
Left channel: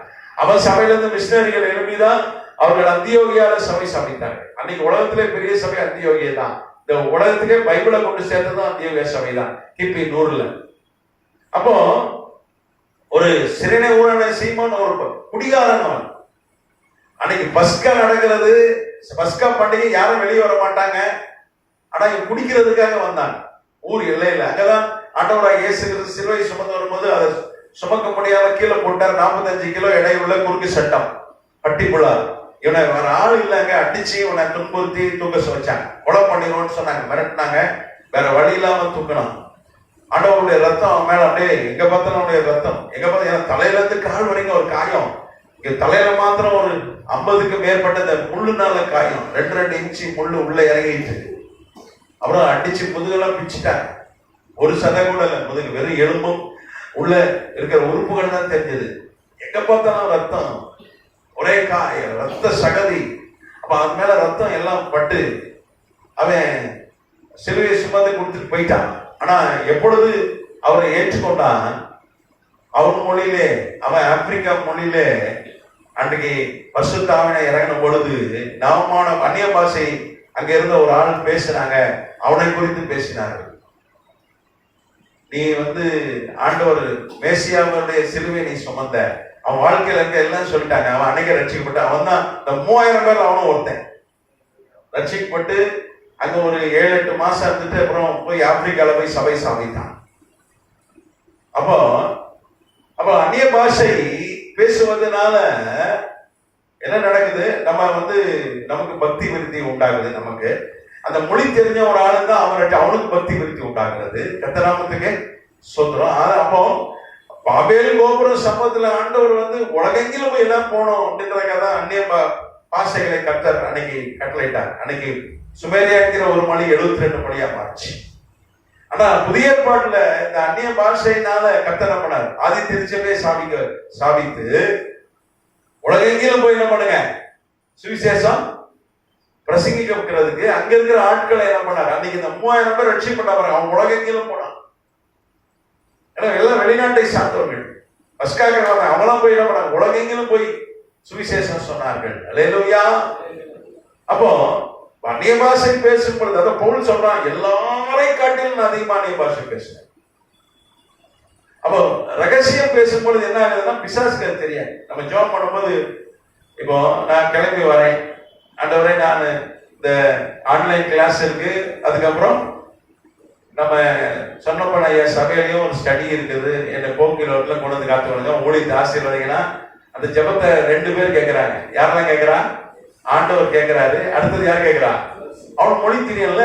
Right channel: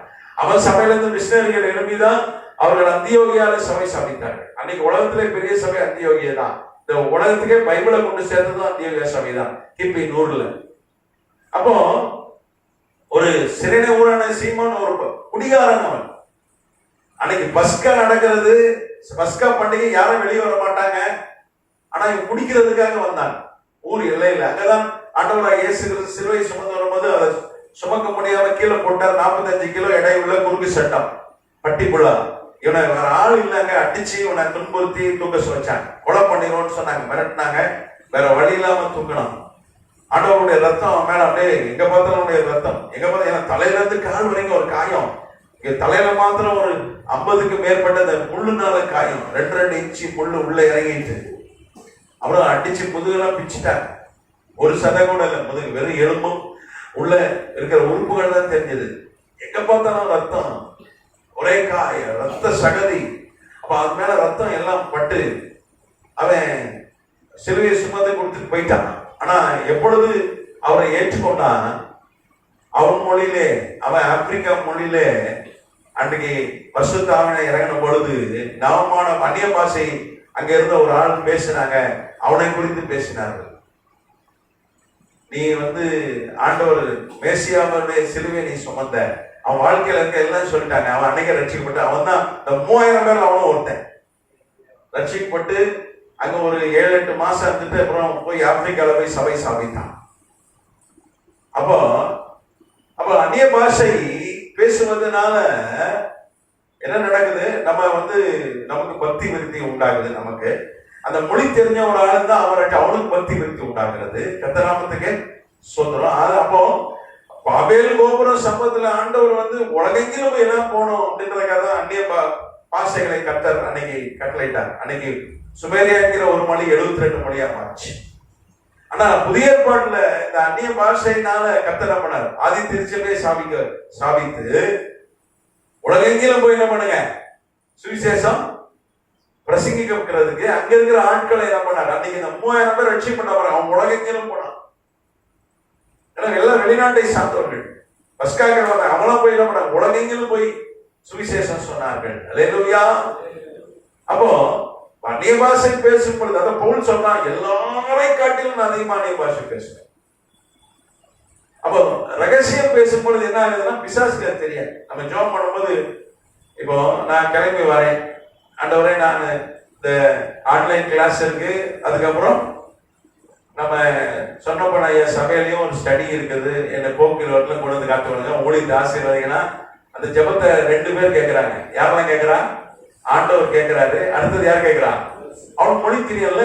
அவன் சபையில இருந்து மிஷினரிகள் எழுப்பிதான் அவர்கள் அந்தியோகியால சபை சமைத்தாங்க. அன்னைக்கு உலகத்திலே பெரிய சபை அந்தியோகியா தான். இந்த உலகத்துக்கே பைபிளை கொண்டு சேர்த்ததும் அந்தியோகியா சபை தான் கிபி 100. அப்போ ஒரு சிறைனே ஊரான சீமோன் ஒரு குடிகாரன். அவன் அன்னைக்கு பஸ்கா நடக்கிறது, பஸ்கா பண்டிகை யாரும் வெளியே வர மாட்டாங்க. ஆனா இவன் குடிக்கிறதுக்காக வந்தாங்க. ஊர் எல்லையில அங்கதான் ஆண்டவராக இயேசு கிறிஸ்து சிலுவை சுமந்து வரும்போது அதை சுமக்க முடியாத கீழே போட்டார். 45 கிலோ எடையுள்ள குறுக்கு சட்டம், பட்டி புழா. இவனை வேற ஆள் இல்லைங்க, அடிச்சு இவனை துன்புறுத்தி தூக்க வச்சாங்க. கொலை பண்ணிடுவோம்னு சொன்னாங்க, மிரட்டினாங்க. வேற வழி இல்லாம தூக்கணும். ஆண்டவருடைய ரத்தம் அவன் மேல அப்படியே எங்க பார்த்தாலும் அவனுடைய ரத்தம், எங்க பார்த்தாலும் தலையில இருந்து கால் வரைக்கும் ஒரு காயம். இங்க தலையில மாத்திரம் ஒரு 50க்கு மேற்பட்ட இந்த முள்ளுனால காயம், 2 இன்ச்சு முள்ளு உள்ள இறங்கிட்டு. அப்புறம் அடிச்சு முதுகெல்லாம் பிச்சுட்டாங்க. ஒரு சதை கூட இல்லை, முதுகு வெறும் எலும்பும் உள்ள இருக்கிற உறுப்புகள் தான் தெரிஞ்சது. எங்க பார்த்தாலும் ரத்தம், ஒரே காயம், ரத்த சகதி. அப்ப அது மேல ரத்தம் எல்லாம் பட்டு அவன் சிலுவையை சுமந்து கொடுத்துட்டு போயிட்டான். ஆனா எப்பொழுது அவரை ஏற்றுக்கொண்டான், அவன் மொழியிலே, அவன் ஆப்பிரிக்கா மொழியிலே அன்றைக்கு பரிசுத்தாவினை இறங்கின பொழுது நவமான அந்நிய பாஷை அங்க இருந்த ஒரு ஆள் பேசினாங்க. அவனை குறித்து பேசினார்கள். நீ ஆண்டவர் மேசியாவுடைய சிலுவை நீ சுமந்த, அவன் வாழ்க்கையில இருக்க எல்லாம் சொல்லிட்டாங்க. அவன் அன்னைக்கு ரட்சிக்கப்பட்ட அவன் தான். இந்த 3000 பேர் அவனும் ஒருத்தன். ரட்சிக்கப்பட்டு அங்க ஒரு 7-8 மாசம் இருந்துட்டு அப்புறம் போய் ஆப்பிரிக்கால போய் சபை சாதித்தான். அப்போ அந்நிய பாஷை பேசுவதனால என்ன நடக்குது? நமக்கு பக்தி விருத்தி உண்டாகுது. நமக்கு அந்த மொழி தெரிஞ்ச ஒரு ஆளு தான் அவனுக்கு பக்தி விருத்தி உண்டாகிறது. கர்த்தர் சொல்றோம். அப்போ பாபேல் கோபுரம் சம்பவத்துல ஆண்டவர் உலகெங்கிலும் எல்லாம் போனோம் அப்படின்றதுக்காக தான் அந்நிய பாஷைகளை கர்த்தர் அன்னைக்கு கட்டளையிட்டார். அன்னைக்கு சுமேரியாங்கிற ஒரு மொழி 72 மொழியா மாறிச்சு. ஆனா புதிய ஏற்பாட்டுல இந்த அந்நிய பாஷையினால கர்த்தர் பண்ணார். ஆதி திருச்சபையை சாபித்து உலகெங்கிலும் போய் என்ன பண்ணுங்க, சுவிசேஷம் பிரசங்கிக்கிறதுக்கு அங்க இருக்கிற ஆட்களை என்ன பண்ணார். அன்னைக்கு இந்த 3000 பேர் ரட்சி பண்ண போறாங்க. அவன் உலகெங்கிலும் போனான். ஏன்னா எல்லாம் வெளிநாட்டை சார்ந்தவர்கள். பஸ்காக அவங்களும் போய் என்ன பண்ணாங்க, உலகெங்கிலும் போய் சுவிசேஷம் சொன்னார்கள். அல்லேலூயா. அப்போ அந்நிய பாஷை பேசும் பொழுது அதை பவுல் சொல்றான், எல்லாரையும் காட்டிலும் நான் அதிகமா அந்நிய பாஷை பேசுறேன். அப்போ ரகசியம் பேசும் பொழுது என்ன ஆகுதுன்னா பிசாசுக்கு தெரியாது. நம்ம ஜெபம் பண்ணும்போது இப்போ நான் கிளம்பி வரேன், ஆண்டவரே நான் இந்த ஆன்லைன் கிளாஸ் இருக்கு, அதுக்கப்புறம் நம்ம சொன்னப்ப ஐயா சபையிலையும் ஒரு ஸ்டடி இருக்குது, என்ன போக்கில் கொண்டு வந்து காத்து வருங்க, ஊழியத்தை ஆசீர்வதிங்கன்னா அந்த ஜெபத்தை 2 பேர் கேட்கிறாங்க. யாரெல்லாம் கேட்கிறா? ஆண்டவர் கேட்கிறாரு. அடுத்தது யார் கேட்கிறா? அவன் மொழி தெரியல.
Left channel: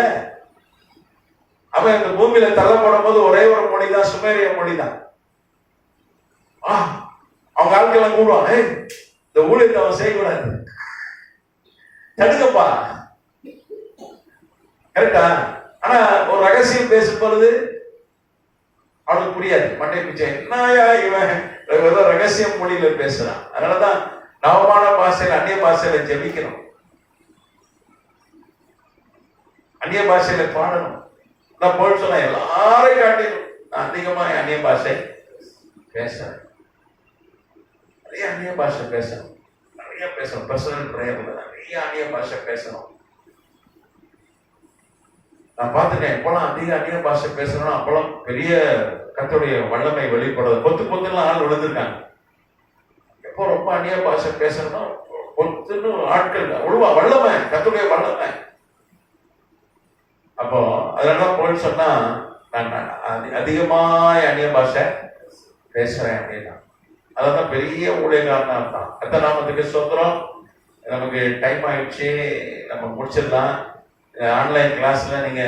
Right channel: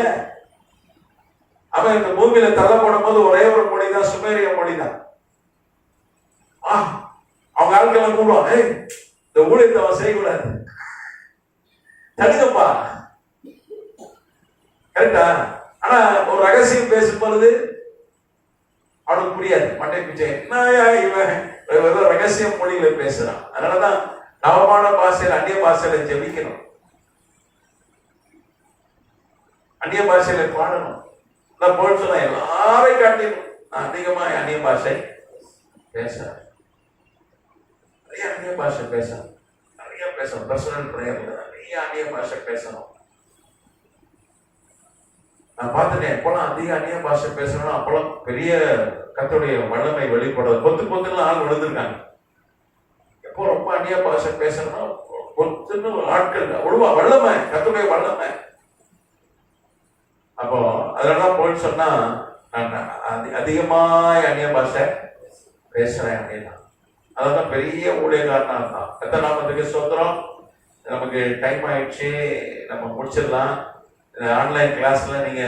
அவன் இந்த பூமியில தள்ளப்படும் போது ஒரே ஒரு மொழி தான், சுமேரிய மொழி தான். அவங்க ஆட்கள் கூடுவாங்க, இந்த ஊழியத்தை அவன் செய்யக்கூடாது, தடுக்கப்பா. கரெக்டா? ஆனா ஒரு ரகசியம் பேசும் பொழுது அவனுக்கு புரியாது. மண்டை பிச்சை என்னயா இவன் ஏதோ ரகசியம் மொழியில பேசுறான். அதனாலதான் நவமான பாஷையில் அந்நிய பாஷையில ஜெபிக்கணும், அந்நிய பாஷையில பாடணும். நான் போய் சொன்ன எல்லாரையும் காட்டிலும் நான் அதிகமா அந்நிய பாஷை பேசுறேன். நிறைய அந்நிய பாஷை பேசணும், நிறைய பேசணும். பர்சனல் பிரேயர்ல நிறைய அந்நிய பாஷை பேசணும். நான் பார்த்துட்டேன், எப்பெல்லாம் அதிக அந்நிய பாஷை பேசணும் அப்பெல்லாம் பெரிய கர்த்தருடைய வல்லமை வெளிப்படுறது. பொத்துலாம் ஆள் விழுந்திருக்காங்க. எப்போ ரொம்ப அந்நிய பாஷை பேசணும் பொத்துன்னு ஆட்கள் ஒழுவா வல்லமை, கர்த்தருடைய வல்லமை. அப்போ அதெல்லாம் போயிட்டு சொன்னா நான் அதிகமா அந்நிய பாஷை பேசுறேன் அப்படின்னா அதான் பெரிய ஊழியக்காரனா இருந்தான். கர்த்தர் நாமத்துக்கு ஸ்தோத்திரம். நமக்கு டைம் ஆயிடுச்சு, நம்ம முடிச்சிடலாம். ஆன்லைன் கிளாஸ்ல நீங்க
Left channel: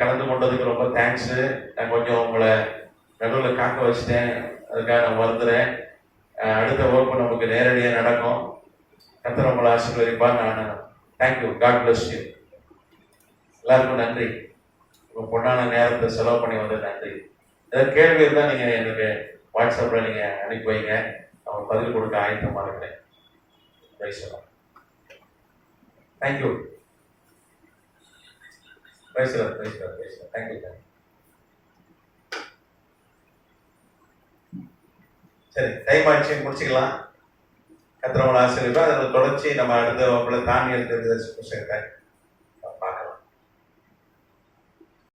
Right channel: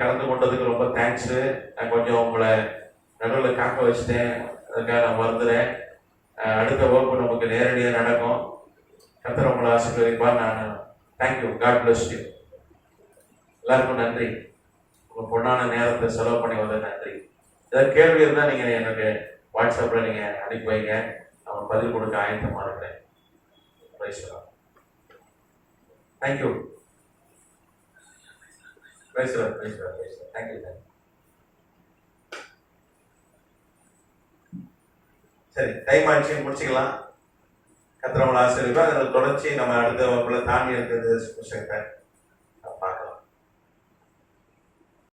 கலந்து கொண்டதுக்கு ரொம்ப தேங்க்ஸ். நான் கொஞ்சம் உங்களை நடுவில் காக்க வச்சுட்டேன், அதுக்காக நான் வருந்துறேன். அடுத்த வகுப்பு நமக்கு நேரடியாக நடக்கும். கர்த்தர் உங்களை ஆசீர்வதிப்பார். நான் தேங்க்யூ, காட் பிளஸ் யூ. எல்லாருக்கும் நன்றி. உங்க பொண்ணான நேரத்தை செலவு பண்ணி வந்த நன்றி. ஏதாவது கேள்வி இருந்தால் நீங்க எனக்கு வாட்ஸ்அப்ல நீங்க அனுப்பி வைங்க, நான் பதில் கொடுக்க ஆயத்தமா இருக்கிறேன். தேங்க்யூ. பேசுறேன். தேங்க்யூ. சரி, டைம் ஆச்சு, முடிச்சுக்கலாம். கர்த்தர் உங்களை ஆசீர்வதிப்பார். அதில் தொடர்ச்சி நம்ம அடுத்த வகுப்புல தாண்டி இருக்கிறது